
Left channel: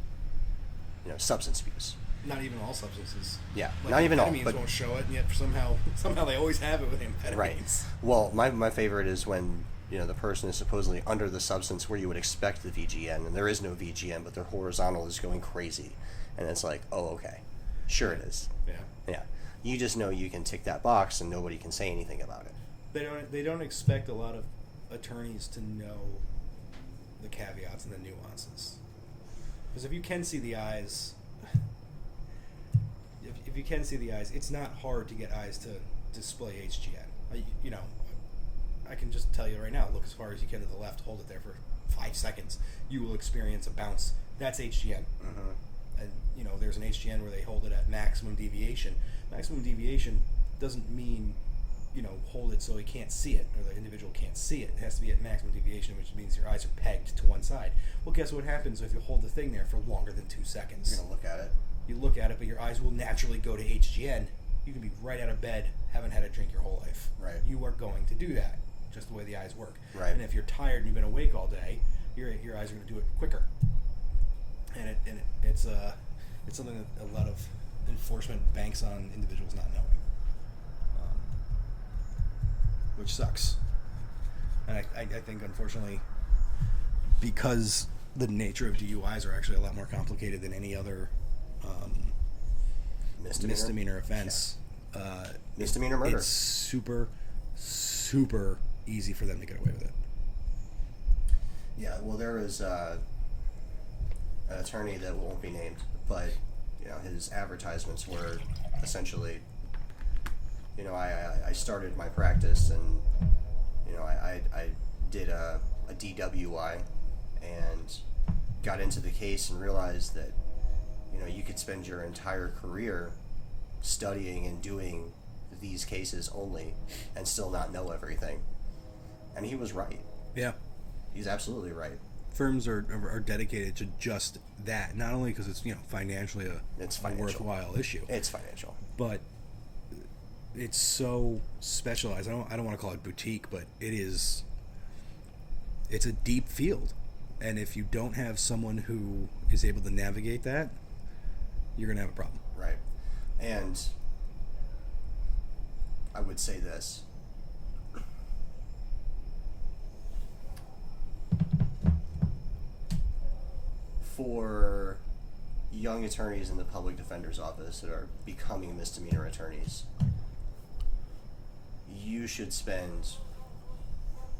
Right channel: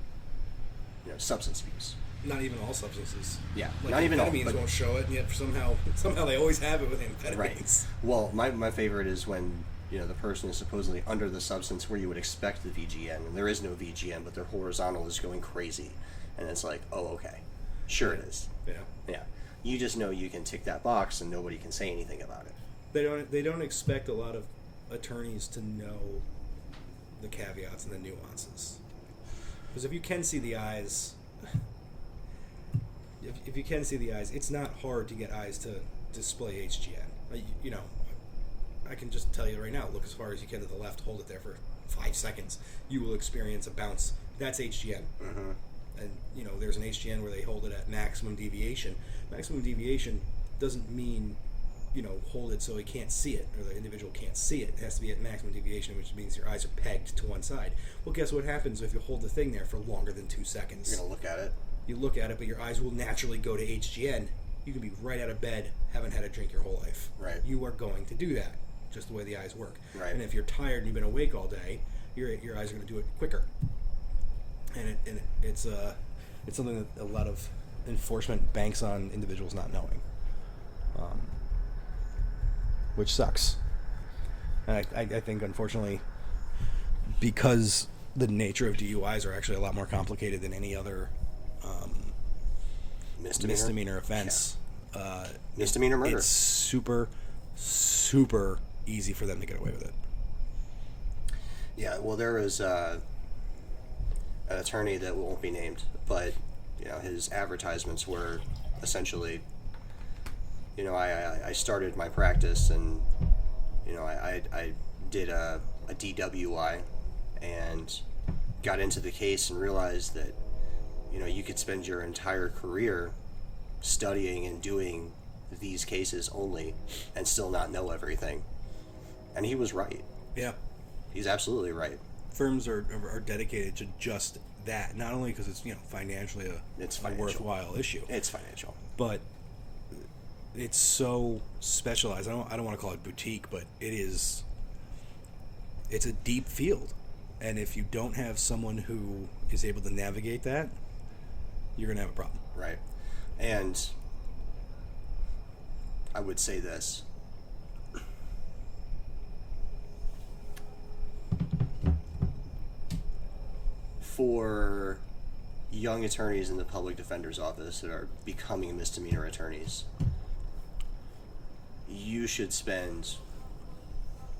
substance abuse. Not even all substances. Yeah, Like not even all. amphetamines But won't show it, and yet somehow they always have it with amphetamines. right. Well, my favorite is when the person is supposedly under the substance where you would expect the VGN, and there is no VGN, but their horizontal is going crazy, and it's like, oh, okay, sure it is. Yeah. Yeah, you just know you can tick that box, and nobody can say anything about it. They don't expect a lot of attorneys to know the caveats and the nuances, because if you can see the eyes. If you can see the eyes, it's not hard to get eyes to display HGN. I can just tell you right now, look as far as you can to the left, hold it there for 5 seconds. You will experience a bounce. That's HGN. Mm-hmm. And, there's an HGN where they hold it at maximum deviation. Maximum deviation doesn't mean, hold it so he can't see it, or the individual can't see it. It has to be at maximum deviation, which means your eyes are pegged to one side. Well, guess what happens if you hold the thing there for longer than 2 seconds? You're going to look at it. You look at it, but your eyes will naturally go to HGN. You can be right out of bed, haven't had a drink your whole life. Right. You are going to do that, just the way the eyes work. Right. And if you're tired and you've been awake all day, your eyes are going to do it quicker. And it's something that a lot of enforcement banks on individuals not knowing, which sucks. And I think, unfortunately, because the nature of DUIs are actually a lot more complicated than any other misdemeanor offense. Yeah. Misdemeanor murder. It's super, super easy for them to get away with it. Yeah, well, there was an attorney that won't be named, but his advertisements were essentially, I started my practice, and I did a DWI and got into the case and realized that you could spend your entire career studying and doing these cases only and still not know everything. And he was right. Yeah. He's absolutely right. Firms are dedicated to just that, not only because it's financially a worthwhile issue. It's financial, but it's so specialized. I don't want to call it boutique, but it's a deep field, and if you don't have someone who is able to navigate that, you're gonna have a problem. Right. And I would say this. For young attorneys in the public defender's office that are becoming misdemeanor attorneys, you should spend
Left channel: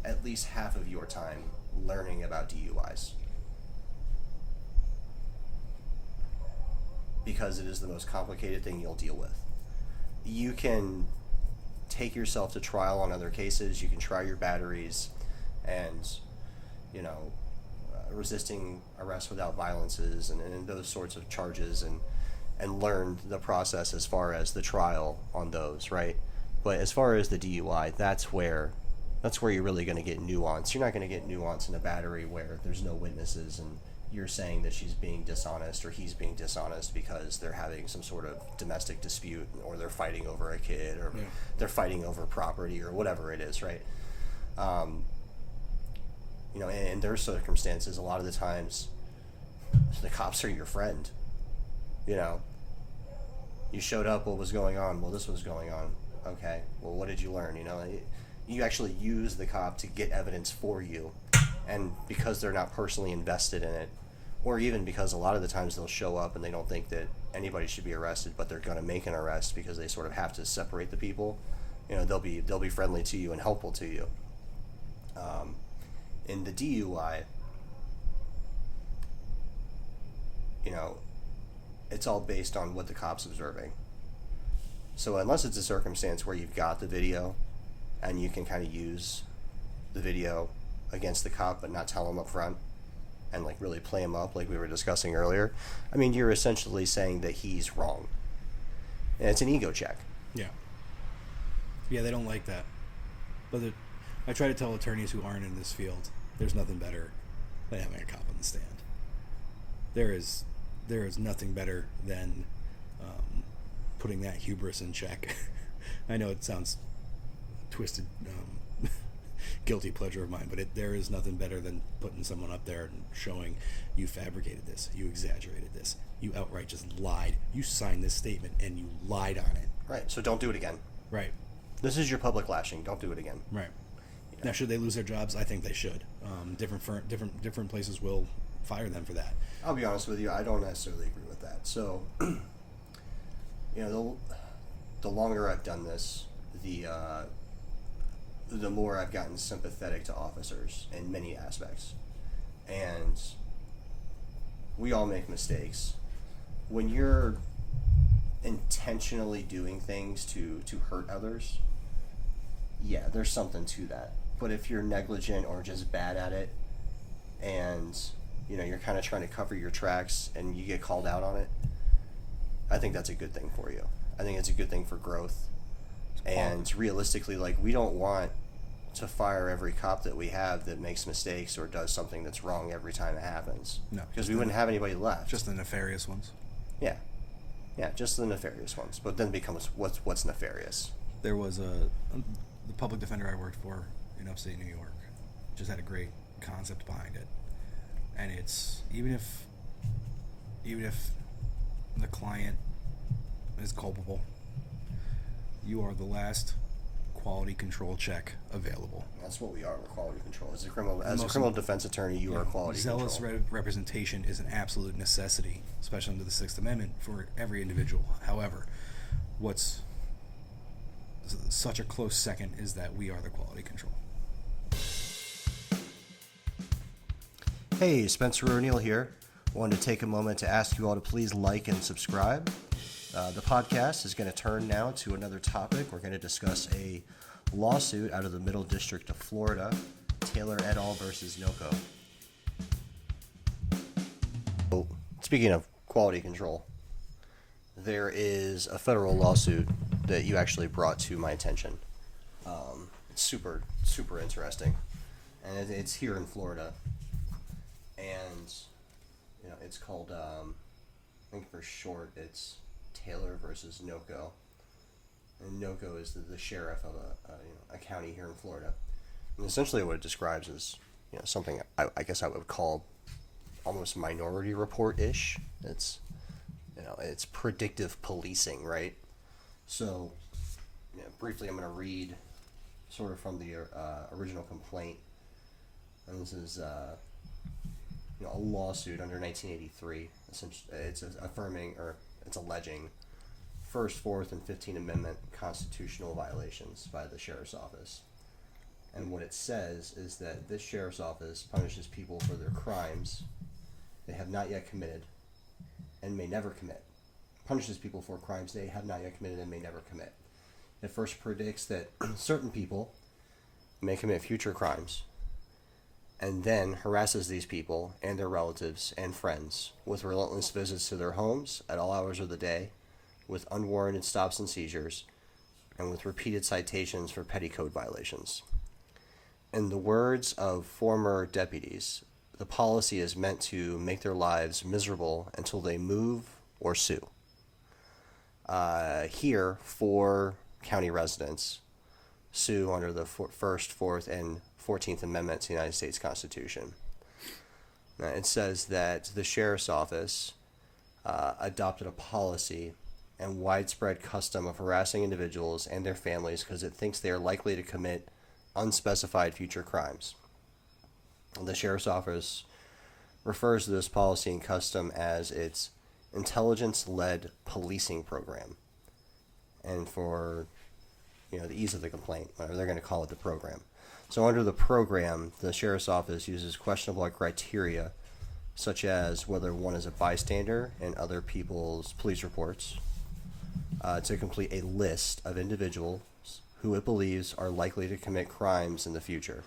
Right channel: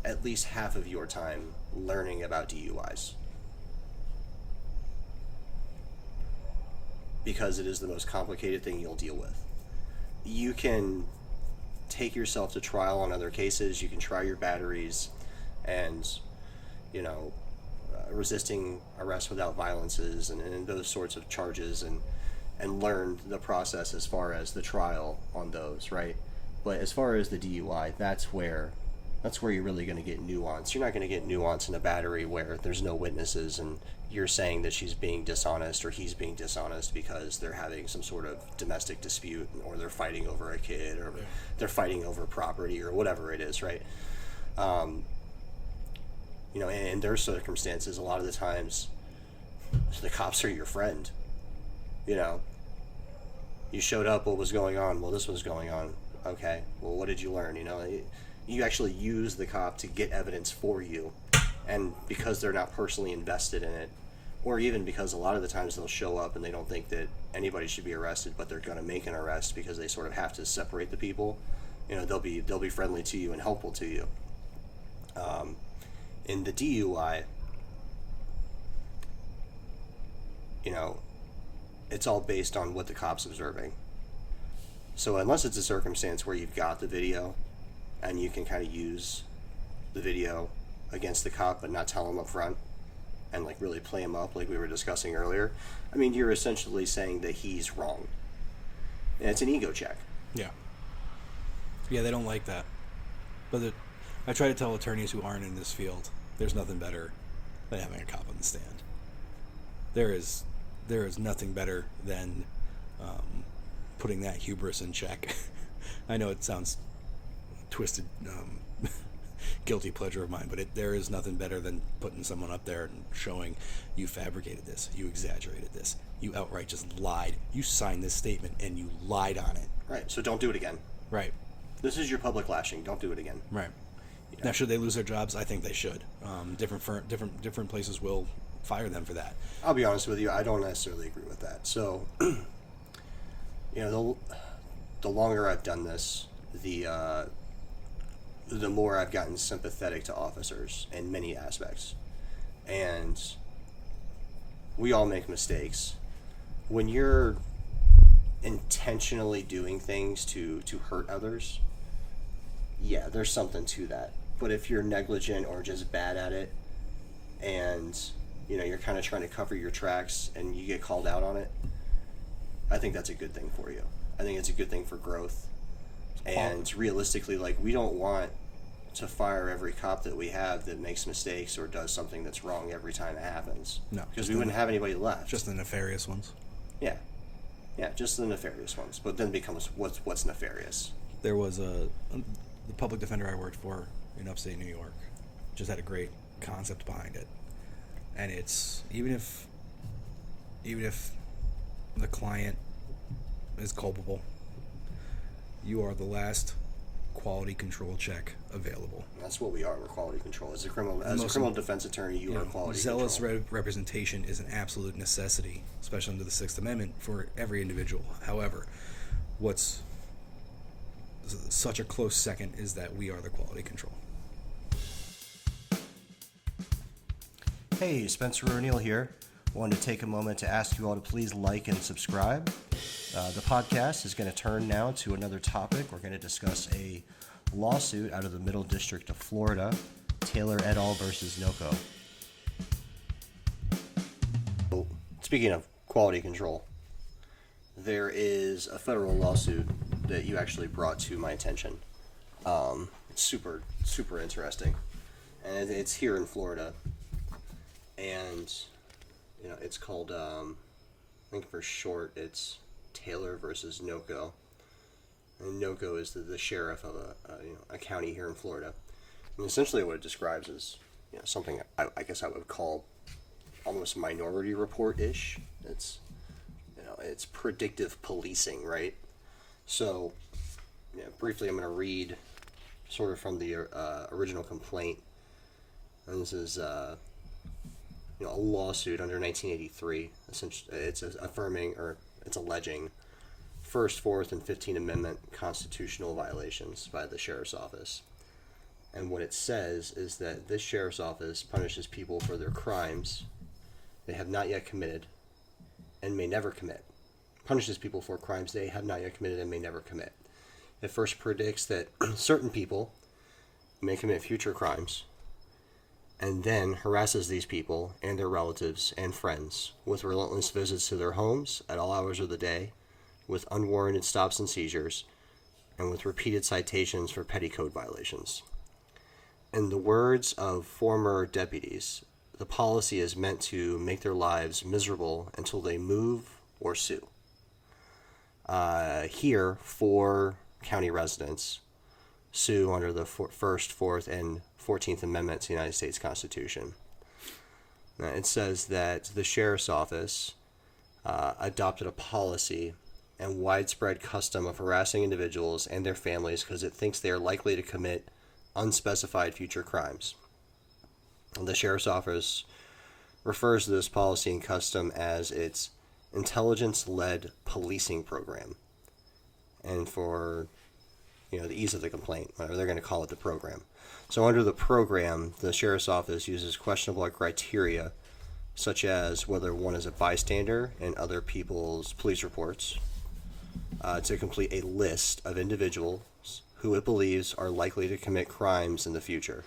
at least half of your time learning about DUIs. Because it is the most complicated thing you'll deal with. You can take yourself to trial on other cases, you can try your batteries, and, resisting arrest without violences and those sorts of charges, and learn the process as far as the trial on those, right? But as far as the DUI, that's where That's where you're really going to get nuance. You're not going to get nuance in a battery where there's no witnesses and you're saying that she's being dishonest or he's being dishonest because they're having some sort of domestic dispute or they're fighting over a kid or they're fighting over property or whatever it is, right? In their circumstances, a lot of the times the cops are your friend. You showed up, what was going on? Well, this was going on. Okay, well, what did you learn? You actually use the cop to get evidence for you, and because they're not personally invested in it, or even because a lot of the times they'll show up and they don't think that anybody should be arrested, but they're going to make an arrest because they sort of have to separate the people. They'll be friendly to you and helpful to you. In the DUI, it's all based on what the cop's observing. So unless it's a circumstance where you've got the video and you can kind of use the video against the cop but not tell him up front and like really play him up like we were discussing earlier, I mean, you're essentially saying that he's wrong. And it's an ego check. Yeah. Yeah, they don't like that. But I try to tell attorneys who aren't in this field, there's nothing better than having a cop on the stand. There is nothing better than putting that hubris in check. I know it sounds twisted, guilty pleasure of mine, but there is nothing better than putting someone up there and showing you fabricated this, you exaggerated this, you outright just lied, you signed this statement and you lied on it. Right, so don't do it again. Right. This is your public lashing. Don't do it again. Right. Now, should they lose their jobs? I think they should. Different places will fire them for that. I'll be honest with you. I don't necessarily agree with that. So, the longer I've done this, the more I've gotten sympathetic to officers in many aspects, and we all make mistakes. When you're intentionally doing things to hurt others, yeah, there's something to that. But if you're negligent or just bad at it, and you're kind of trying to cover your tracks and you get called out on it, I think that's a good thing for you. I think it's a good thing for growth. And realistically, like, we don't want to fire every cop that we have that makes mistakes or does something that's wrong every time it happens. No, because we wouldn't have anybody left. Just the nefarious ones. Yeah, just the nefarious ones. But then becomes what's nefarious. There was the public defender I worked for in upstate New York just had a great concept behind it, and it's even if the client is culpable, you are the last quality control check available. That's what we are. We're quality control. As a criminal defense attorney, you are quality zealous control. Zealous representation is an absolute necessity, especially under the Sixth Amendment, for every individual. However, what's such a close second is that we are the quality control. Hey, Spencer O'Neill here. Wanted to take a moment to ask you all to please like and subscribe. The podcast is going to turn now to another topic. We're going to discuss a lawsuit out of the Middle District of Florida, Taylor et al. Versus Nocco. Speaking of quality control, there is a federal lawsuit that you actually brought to my attention. It's super, super interesting. And it's here in Florida. And, it's called, I think for short, it's Taylor versus Nocco. And Nocco is the sheriff of a county here in Florida. And essentially what it describes is, something I guess I would call almost Minority Report-ish. It's predictive policing, right? So, briefly I'm going to read sort of from the original complaint. And this is a lawsuit under 1983. Essentially, it's affirming, or it's alleging, First, Fourth, and 15th Amendment constitutional violations by the Sheriff's Office. And what it says is that this Sheriff's Office punishes people for their crimes they have not yet committed and may never commit. Punishes people for crimes they have not yet committed and may never commit. It first predicts that certain people may commit future crimes, and then harasses these people and their relatives and friends with relentless visits to their homes at all hours of the day, with unwarranted stops and seizures, and with repeated citations for petty code violations. In the words of former deputies, the policy is meant to make their lives miserable until they move or sue. Here, 4 county residents sue under the First, 4th, and 14th Amendments to the United States Constitution. It says that the sheriff's office adopted a policy and widespread custom of harassing individuals and their families because it thinks they are likely to commit unspecified future crimes. The sheriff's office refers to this policy and custom as its intelligence-led policing program. And for the ease of the complaint, whatever they're going to call it, the program. So under the program, the sheriff's office uses questionable criteria, such as whether one is a bystander in other people's police reports, to complete a list of individuals who it believes are likely to commit crimes in the future.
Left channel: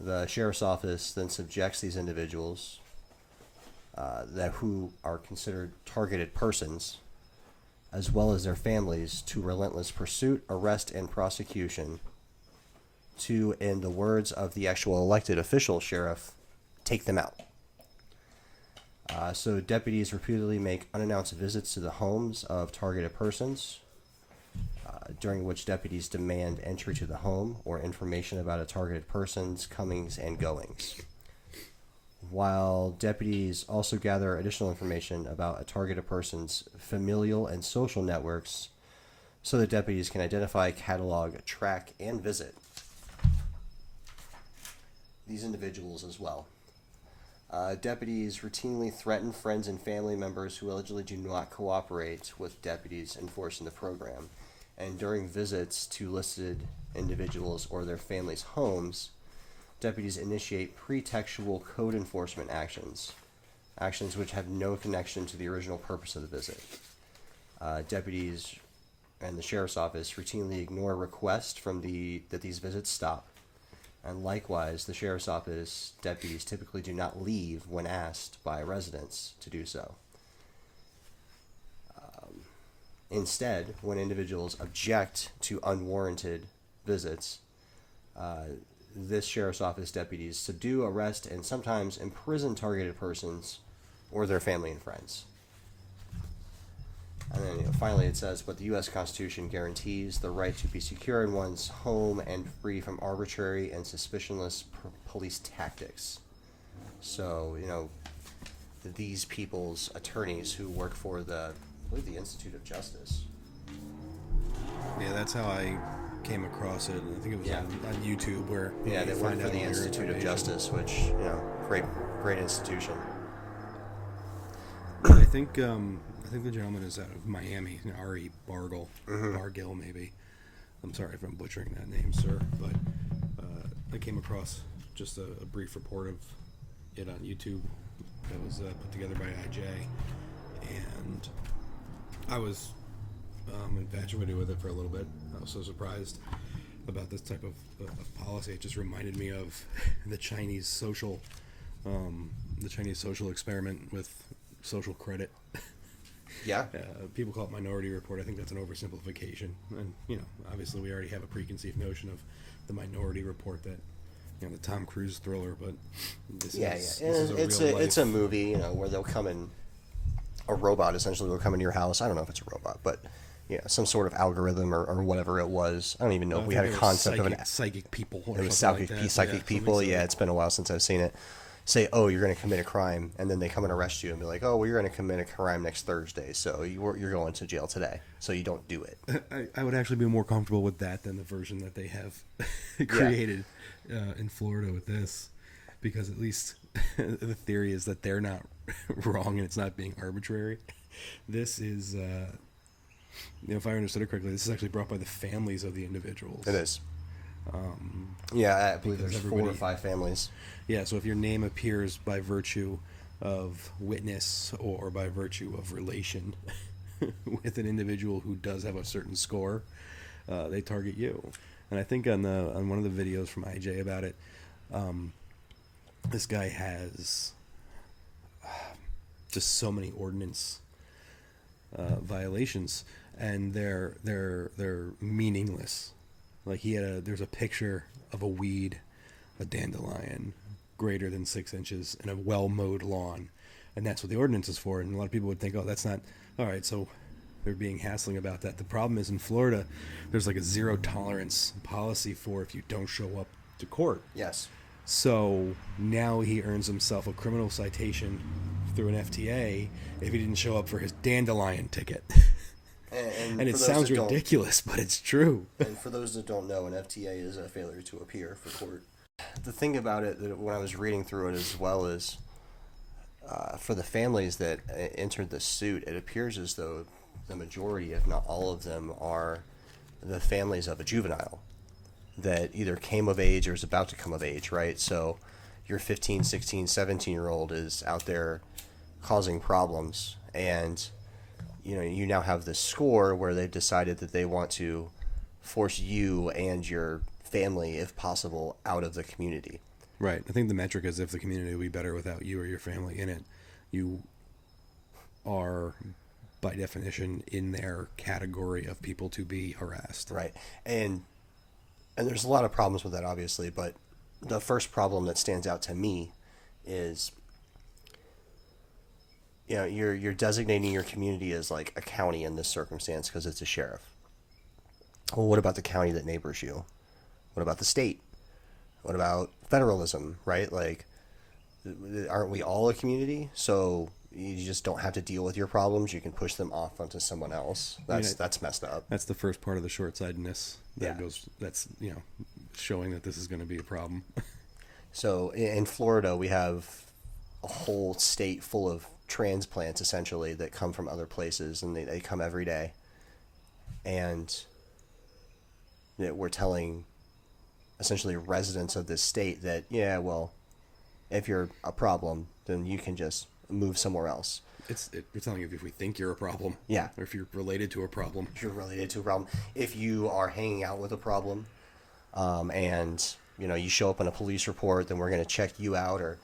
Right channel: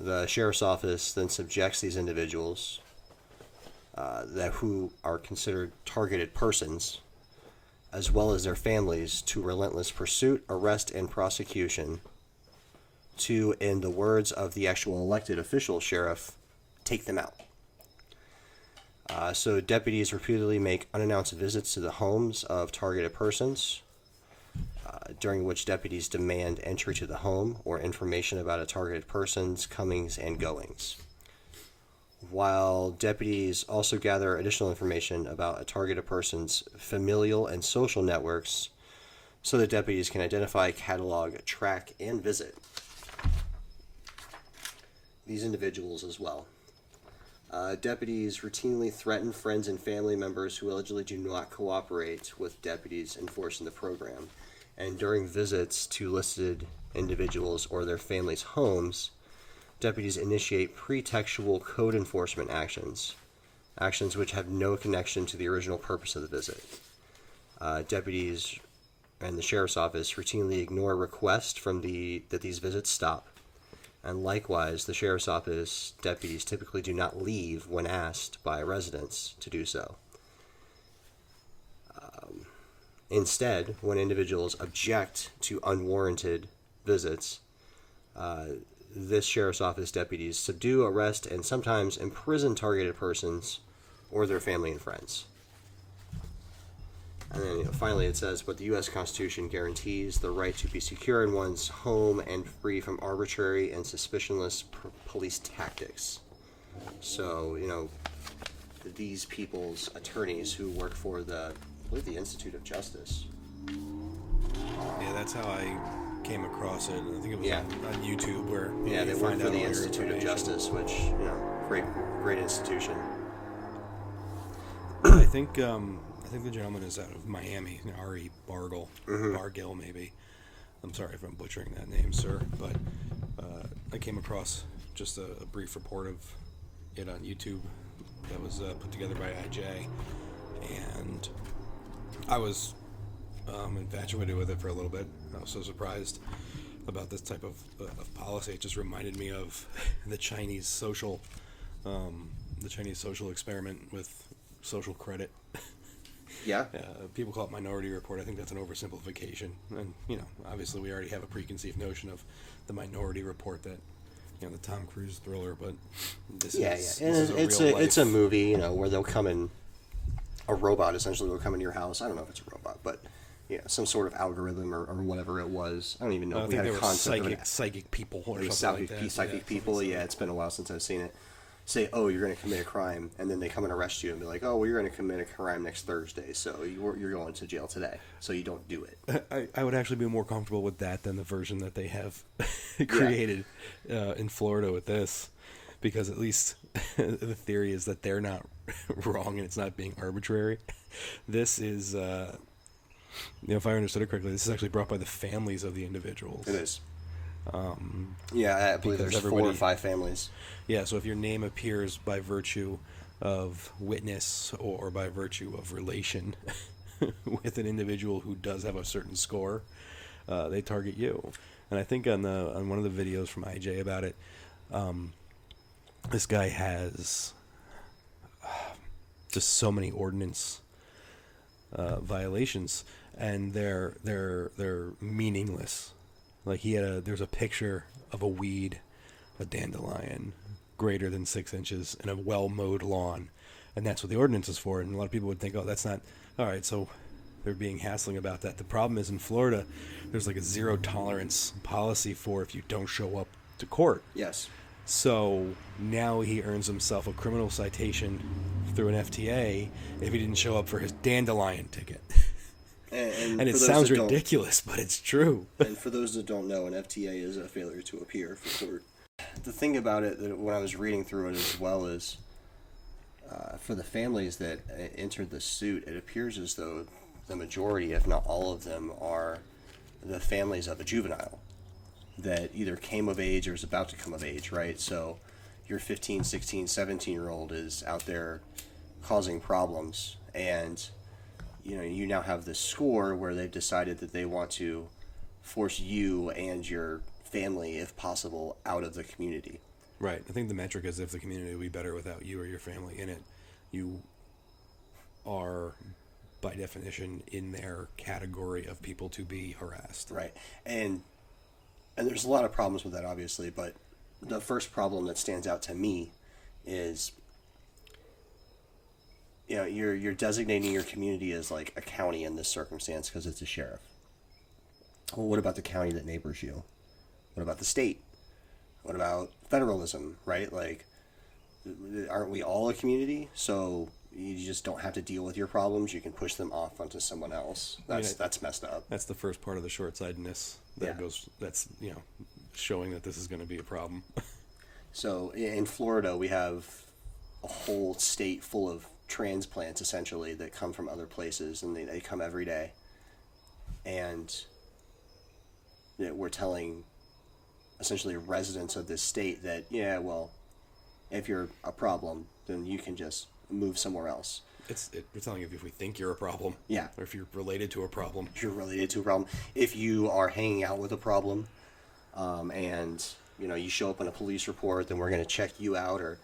The sheriff's office then subjects these individuals who are considered targeted persons, as well as their families, to relentless pursuit, arrest, and prosecution to, in the words of the actual elected official sheriff, take them out. So deputies repeatedly make unannounced visits to the homes of targeted persons, during which deputies demand entry to the home or information about a targeted person's comings and goings. While deputies also gather additional information about a targeted person's familial and social networks so that deputies can identify, catalog, track, and visit these individuals as well. Deputies routinely threaten friends and family members who allegedly do not cooperate with deputies enforcing the program. And during visits to listed individuals or their families' homes, deputies initiate pretextual code enforcement actions which have no connection to the original purpose of the visit. Deputies and the sheriff's office routinely ignore requests that these visits stop. And likewise, the sheriff's office deputies typically do not leave when asked by residents to do so. Instead, when individuals object to unwarranted visits, this sheriff's office deputies subdue, arrest, and sometimes imprison targeted persons or their family and friends. And then finally it says, but the U.S. Constitution guarantees the right to be secure in one's home and free from arbitrary and suspicionless police tactics. So, these people's attorneys who work for I believe the Institute of Justice. Yeah, that's how I came across it. I think it was on YouTube where they work for the Institute of Justice, which great institution. I think the gentleman is out of Miami, Ari Bargill maybe. I'm sorry if I'm butchering that name, sir, but I came across just a brief report of it on YouTube that was put together by IJ, and I was infatuated with it for a little bit. I was so surprised about this type of policy. It just reminded me of the Chinese social experiment with social credit. Yeah. People call it Minority Report. I think that's an oversimplification, and obviously we already have a preconceived notion of the Minority Report, that the Tom Cruise thriller. But this it's a movie, where they'll come in. A robot essentially will come into your house. I don't know if it's a robot, but some sort of algorithm or whatever it was. I don't even know if we had a concept of psychic people or something like that. Psychic people. Yeah, it's been a while since I've seen it. Say, oh, you're going to commit a crime, and then they come and arrest you and be like, oh, well, you're going to commit a crime next Thursday, so you're going to jail today, so you don't do it. I would actually be more comfortable with that than the version that they have created in Florida with this, because at least the theory is that they're not wrong and it's not being arbitrary. This is, if I understood it correctly, this is actually brought by the families of the individuals. It is. I believe there's 4 or 5 families. Yeah, so if your name appears by virtue of witness or by virtue of relation with an individual who does have a certain score, they target you. And I think on one of the videos from IJ about it, this guy has just so many ordinance violations, and they're meaningless. Like there's a picture of a weed a dandelion greater than 6 inches in a well-mowed lawn. And that's what the ordinance is for. And a lot of people would think, oh, that's not... All right, so they're being hassling about that. The problem is in Florida, there's like a zero tolerance policy for if you don't show up to court. Yes. So now he earns himself a criminal citation through an FTA if he didn't show up for his dandelion ticket. And it sounds ridiculous, but it's true. And for those that don't know, an FTA is a failure to appear for court. The thing about it, that when I was reading through it as well, is for the families that entered the suit, it appears as though the majority, if not all of them, are the families of a juvenile that either came of age or is about to come of age, right? So your 15, 16, 17-year-old is out there causing problems, and you now have this score where they've decided that they want to force you and your family, if possible, out of the community. Right. I think the metric is if the community will be better without you or your family in it. You are, by definition, in their category of people to be harassed. Right. And there's a lot of problems with that, obviously, but the first problem that stands out to me is, you're designating your community as like a county in this circumstance because it's a sheriff. Well, what about the county that neighbors you? What about the state? What about federalism, right? Like, aren't we all a community? So you just don't have to deal with your problems. You can push them off onto someone else. That's messed up. That's the first part of the short-sightedness that goes. That's showing that this is going to be a problem. So in Florida, we have a whole state full of transplants essentially that come from other places, and they come every day. And we're telling essentially residents of this state that, if you're a problem, then you can just move somewhere else. You're telling you if we think you're a problem. Yeah. Or if you're related to a problem. If you're related to a problem. If you are hanging out with a problem, and, you show up on a police report, then we're going to check you out, or,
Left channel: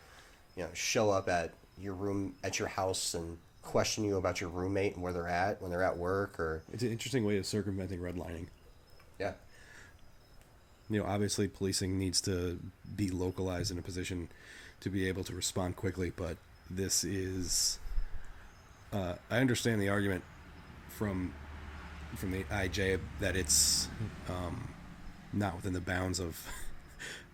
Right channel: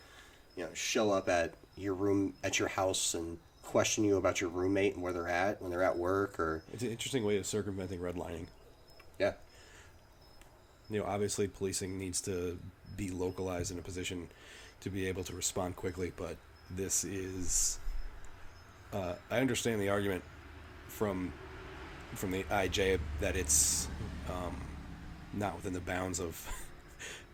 show up at your house and question you about your roommate and where they're at when they're at work. Or it's an interesting way of circumventing redlining. Yeah. Obviously policing needs to be localized in a position to be able to respond quickly, but this is I understand the argument from the IJ that it's not within the bounds of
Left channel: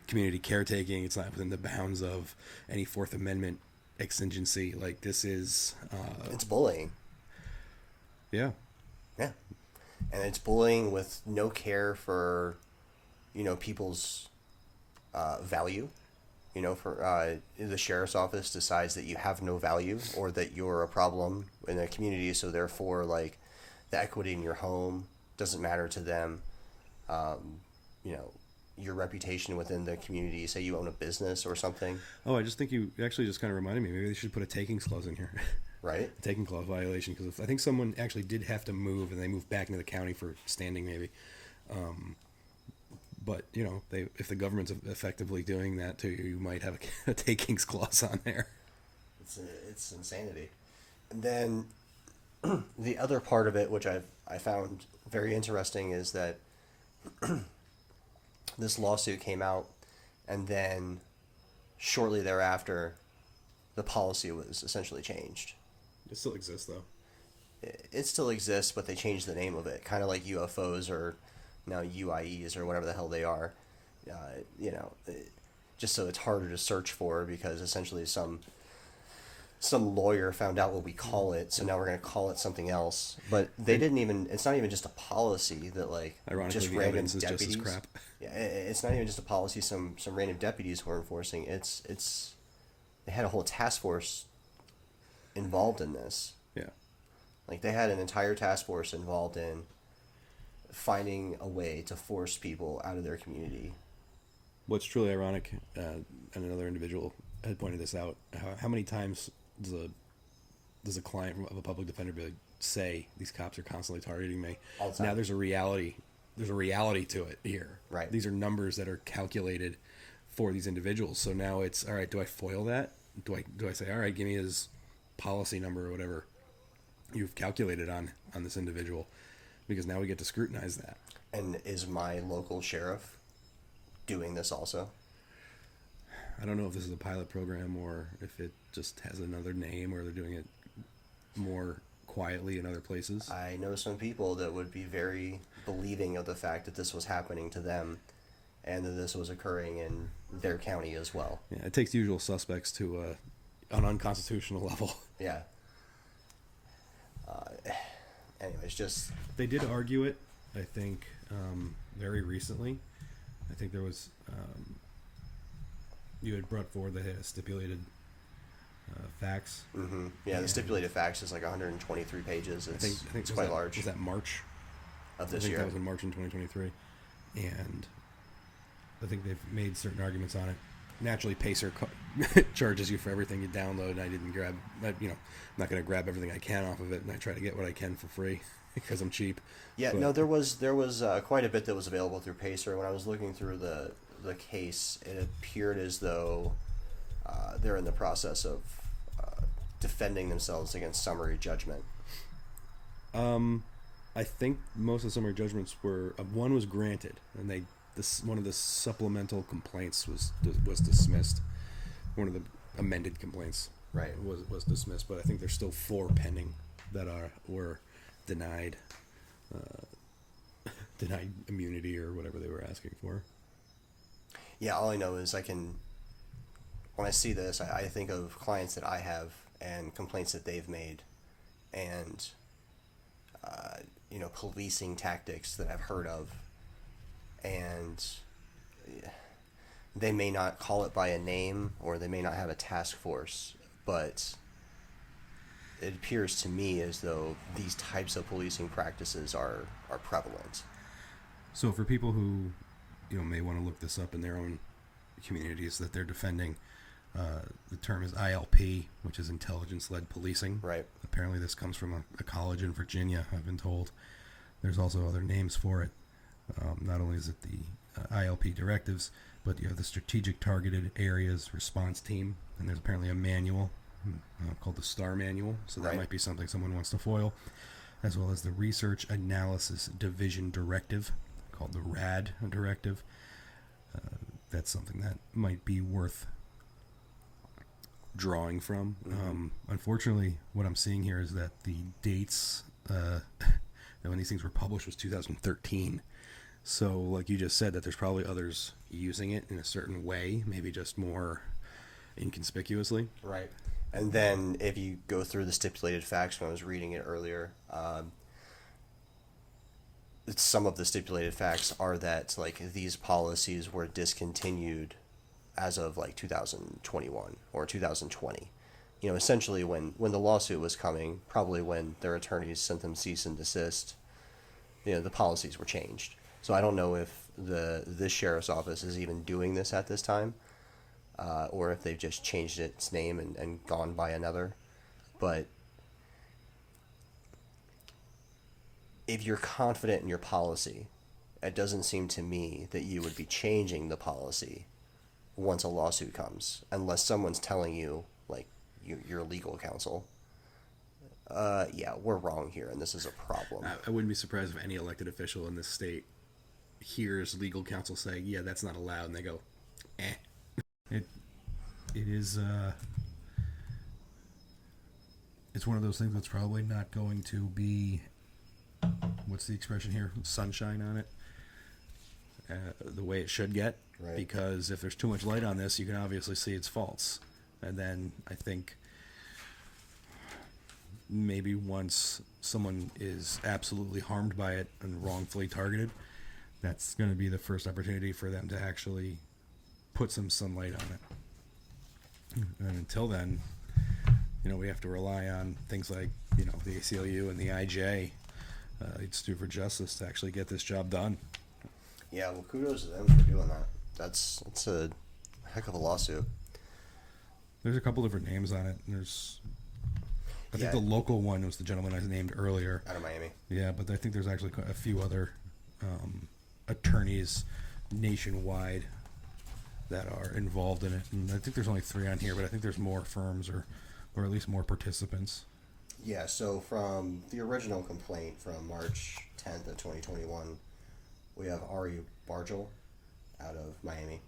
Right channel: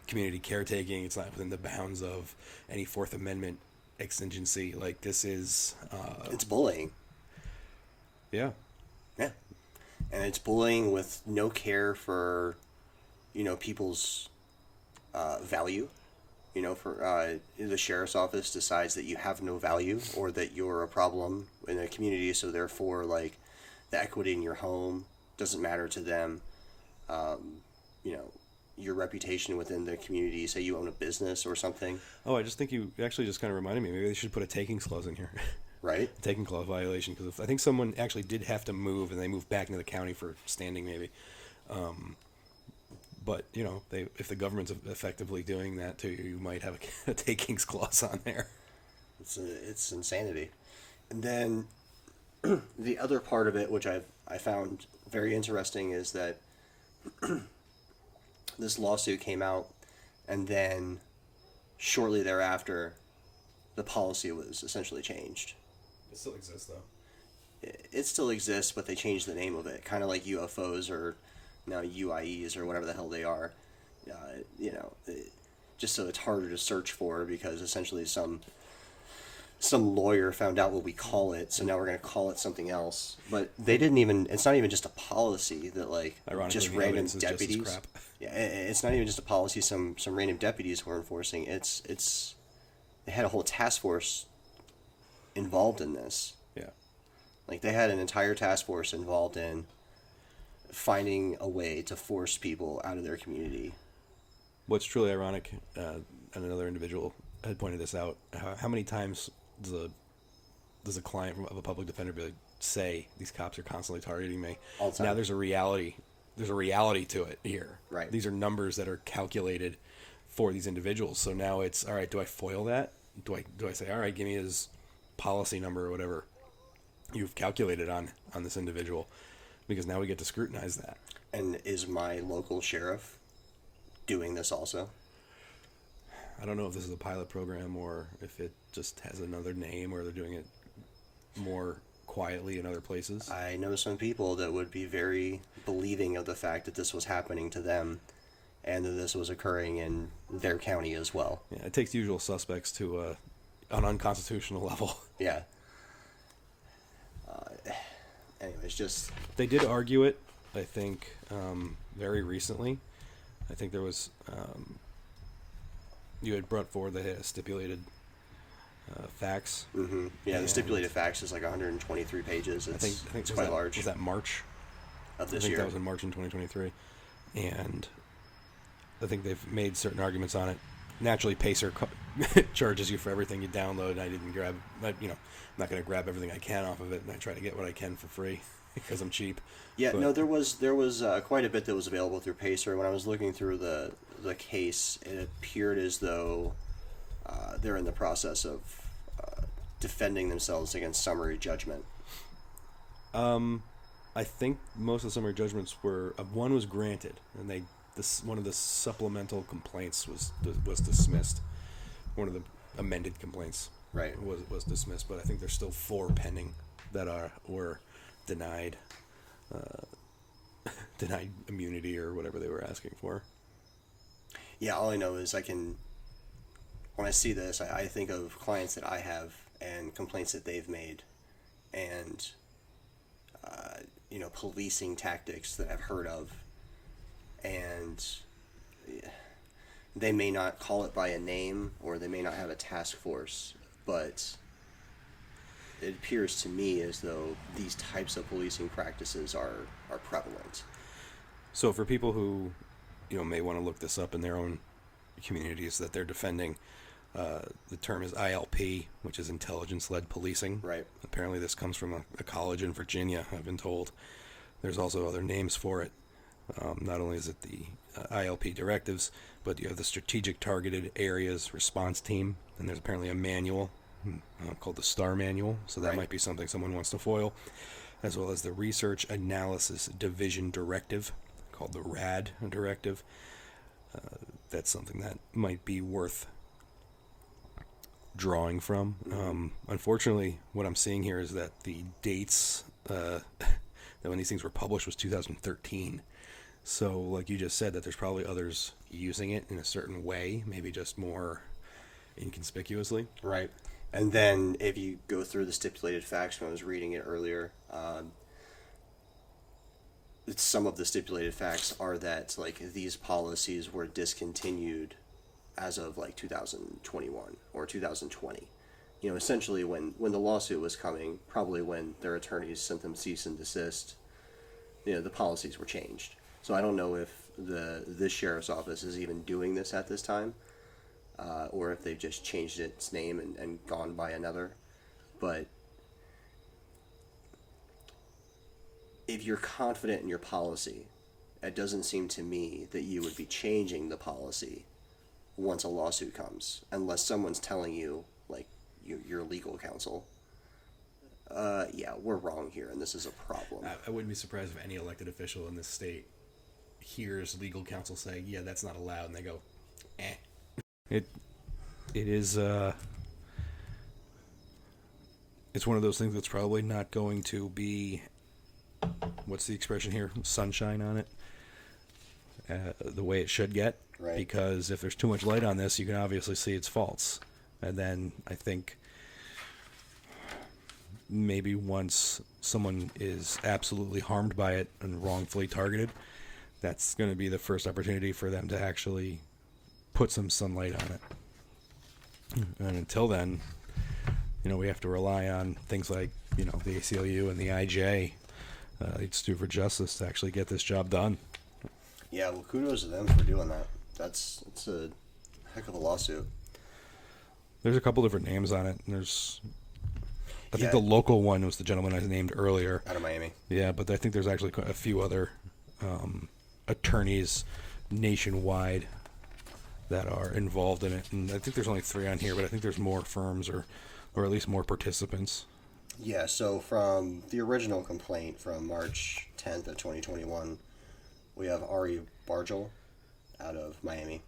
community caretaking. It's not within the bounds of any Fourth Amendment exigency. Like, this is it's bullying. Yeah. And it's bullying with no care for people's value. For the sheriff's office decides that you have no value or that you're a problem in a community, so therefore, like, the equity in your home doesn't matter to them. Your reputation within the community, say you own a business or something. Oh, I just think you actually just kind of reminded me. Maybe they should put a takings clause in here. Right? A taking clause violation, because I think someone actually did have to move, and they moved back into the county for standing, maybe. But, if the government's effectively doing that to you, you might have a takings clause on there. It's insanity. And then the other part of it, which I found very interesting, is that this lawsuit came out, and then shortly thereafter, the policy was essentially changed. It still exists, though. It still exists, but they changed the name of it, kind of like UFOs or now UIEs or whatever the hell they are. Just so it's harder to search for, because essentially some lawyer found out what we call it, so now we're going to call it something else. But they didn't even. It's not even just a policy that, like, ironically, just the random evidence is deputies. just as crap. Yeah, it's not even just a policy. Some random deputies were enforcing. It's they had a whole task force involved in this. Yeah. Like, they had an entire task force involved in finding a way to force people out of their community. What's truly ironic, and another individual had pointed this out, how many times does a client of a public defender say, these cops are constantly targeting me? All the time. Now there's a reality to it here. Right. These are numbers that are calculated for these individuals. So now it's, all right, do I foil that? Do I say, all right, give me his policy number or whatever you've calculated on this individual? Because now we get to scrutinize that. And is my local sheriff doing this also? I don't know if this is a pilot program or if it just has another name or they're doing it more quietly in other places. I know some people that would be very believing of the fact that this was happening to them and that this was occurring in their county as well. Yeah, it takes usual suspects to an unconstitutional level. Yeah. Anyways, just... They did argue it, I think, very recently. I think there was... you had brought forward that it had stipulated facts. Mm-hmm. Yeah, the stipulated facts is like 123 pages. I think It's quite large. Was that March? Of this I think year. that was in March in 2023. And I think they've made certain arguments on it. Naturally, Pacer charges you for everything you download. I didn't grab, I'm not going to grab everything I can off of it, and I try to get what I can for free because I'm cheap. Yeah, but, no, there was quite a bit that was available through Pacer. When I was looking through the case, it appeared as though they're in the process of defending themselves against summary judgment. I think most of the summary judgments were one was granted, and one of the supplemental complaints was dismissed. One of the amended complaints, right, was dismissed. But I think there's still 4 pending that were denied immunity or whatever they were asking for. Yeah, all I know is when I see this, I think of clients that I have and complaints that they've made, and policing tactics that I've heard of, and they may not call it by a name or they may not have a task force, but it appears to me as though these types of policing practices are prevalent. So for people who may want to look this up in their own communities that they're defending, the term is ILP, which is intelligence-led policing. Right. Apparently this comes from a college in Virginia, I've been told. There's also other names for it. Not only is it the ILP directives, but you have the Strategic Targeted Areas Response Team, and there's apparently a manual called the STAR Manual, so that might be something someone wants to foil, as well as the Research Analysis Division Directive, called the RAD Directive. That's something that might be worth drawing from. Mm-hmm. Unfortunately, what I'm seeing here is that the dates that when these things were published was 2013. So, like you just said, that there's probably others using it in a certain way, maybe just more inconspicuously. Right. And then if you go through the stipulated facts, when I was reading it earlier, some of the stipulated facts are that these policies were discontinued as of 2021 or 2020. Essentially when the lawsuit was coming, probably when their attorneys sent them cease and desist, the policies were changed. So I don't know if this sheriff's office is even doing this at this time, or if they've just changed its name and gone by another. But if you're confident in your policy, it doesn't seem to me that you would be changing the policy once a lawsuit comes, unless someone's telling you, your legal counsel, yeah, we're wrong here, and this is a problem. I wouldn't be surprised if any elected official in this state hears legal counsel saying, yeah, that's not allowed, and they go, eh. It is, it's one of those things that's probably not going to be, what's the expression here, sunshine on it, the way it should get. Right. Because if there's too much light on this, you can obviously see its faults. And then I think maybe once someone is absolutely harmed by it and wrongfully targeted, that's going to be the first opportunity for them to actually put some sunlight on it. And until then, we have to rely on things like, the ACLU and the IJ, Institute for Justice, to actually get this job done. Yeah, well, kudos to them for doing that. It's a heck of a lawsuit. There's a couple different names on it. I think the local one was the gentleman I named earlier. Out of Miami. Yeah, but I think there's actually a few other attorneys nationwide that are involved in it. And I think there's only 3 on here, but I think there's more firms or at least more participants. Yeah, so from the original complaint from March 10th of 2021, we have Ari Bargel out of Miami.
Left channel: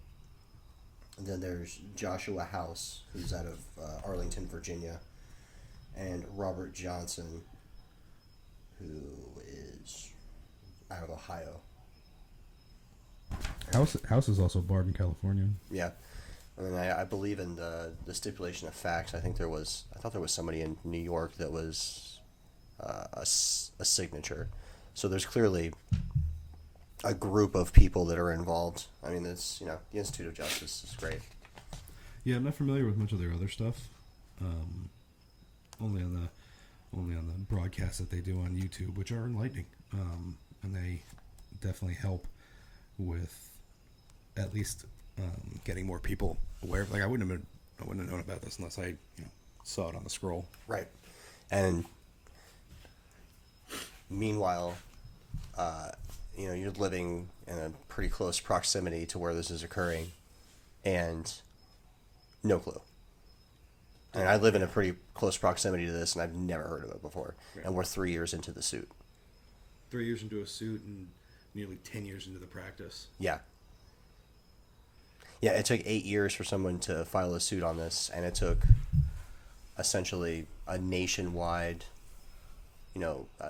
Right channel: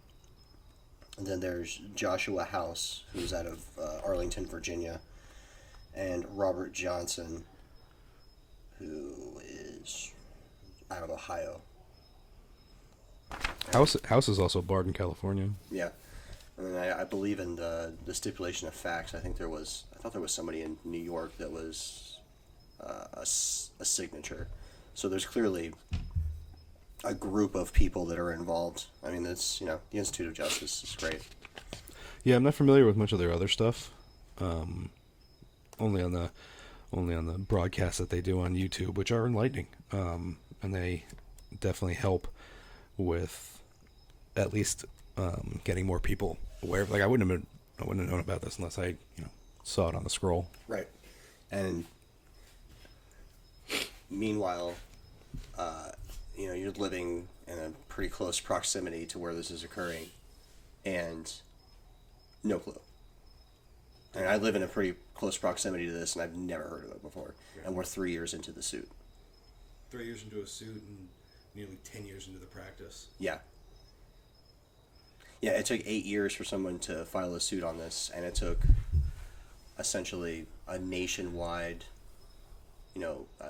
And then there's Joshua House, who's out of Arlington, Virginia, and Robert Johnson, who is out of Ohio. House is also barred in California. Yeah. And then I believe in the stipulation of facts. I thought there was somebody in New York that was a signature. So there's clearly a group of people that are involved. I mean, it's, the Institute of Justice is great. Yeah, I'm not familiar with much of their other stuff. Only on the broadcasts that they do on YouTube, which are enlightening, and they definitely help with at least getting more people aware. Like I wouldn't have known about this unless I saw it on the scroll. Right. And meanwhile, you're living in a pretty close proximity to where this is occurring, and no clue. And I live in a pretty close proximity to this, and I've never heard of it before. Yeah. And we're 3 years into the suit. 3 years into a suit and nearly 10 years into the practice. Yeah. Yeah, it took 8 years for someone to file a suit on this, and it took essentially a nationwide,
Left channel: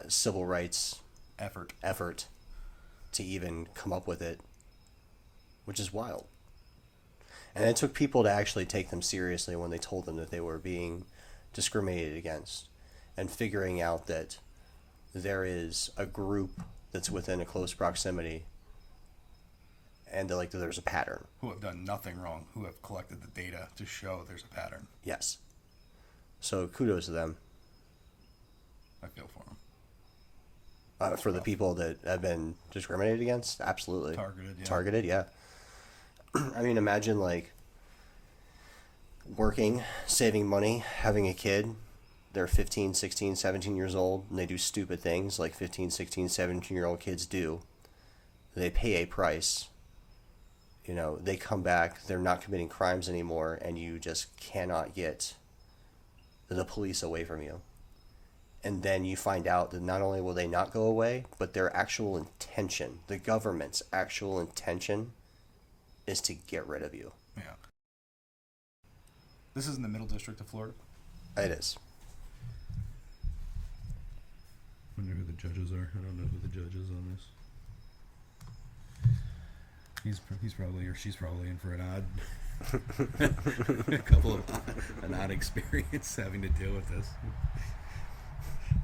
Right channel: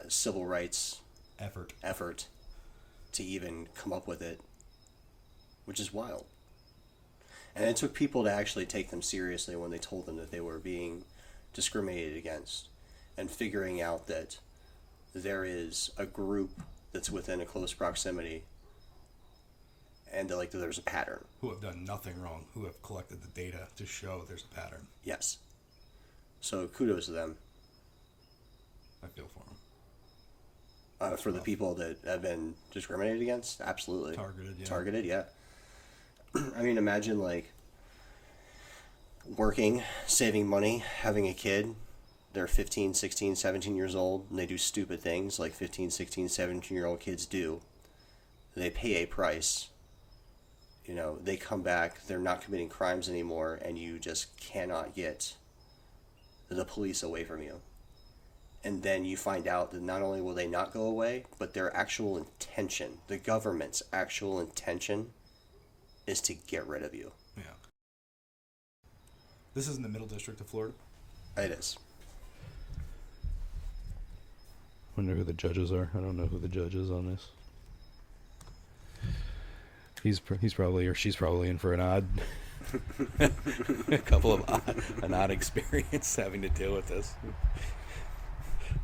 civil rights effort to even come up with it, which is wild. And it took people to actually take them seriously when they told them that they were being discriminated against, and figuring out that there is a group that's within a close proximity, and there's a pattern. Who have done nothing wrong, who have collected the data to show there's a pattern. Yes. So kudos to them. I feel for them. For the people that have been discriminated against, absolutely. Targeted, yeah. I mean, imagine working, saving money, having a kid. They're 15, 16, 17 years old, and they do stupid things like 15, 16, 17-year-old kids do. They pay a price. They come back, they're not committing crimes anymore, and you just cannot get the police away from you. And then you find out that not only will they not go away, but their actual intention, the government's actual intention, is to get rid of you. Yeah. This is in the Middle District of Florida? It is. Wonder who the judges are. I don't know who the judge is on this. He's probably, or she's probably in for an odd experience having to deal with this.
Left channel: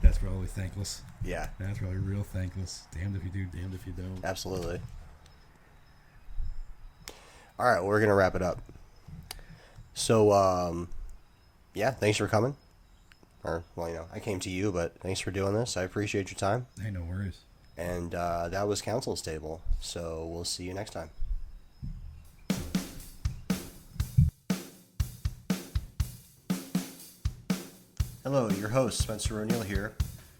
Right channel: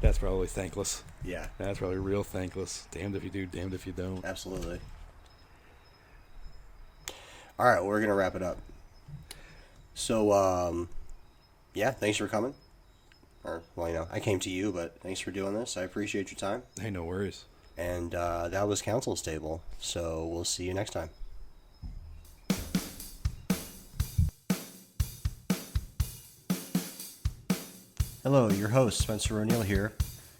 That's probably thankless. Yeah. That's probably real thankless. Damned if you do, damned if you don't. Absolutely. All right, well, we're going to wrap it up. So, thanks for coming. Or, I came to you, but thanks for doing this. I appreciate your time. Hey, no worries. And that was Counsel's Table. So we'll see you next time. Hello, your host, Spencer O'Neill here.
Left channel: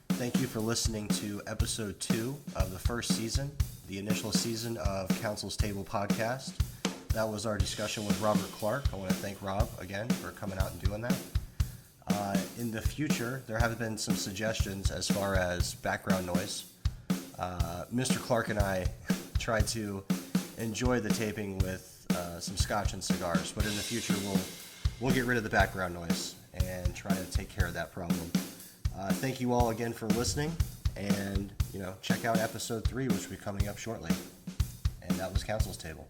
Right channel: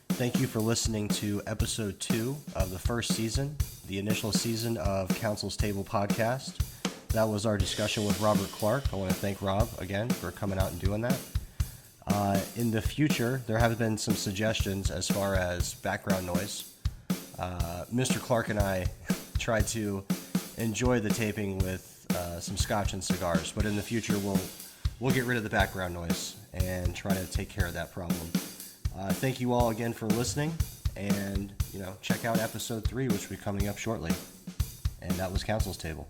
Thank you for listening to episode 2 of the first season, the initial season of Counsel's Table podcast. That was our discussion with Robert Clark. I want to thank Rob again for coming out and doing that. In the future, there have been some suggestions as far as background noise. Mr. Clark and I tried to enjoy the taping with some scotch and cigars, but in the future we'll get rid of the background noise and try to take care of that problem. Thank you all again for listening, and check out episode 3, which will be coming up shortly. And that was Counsel's Table.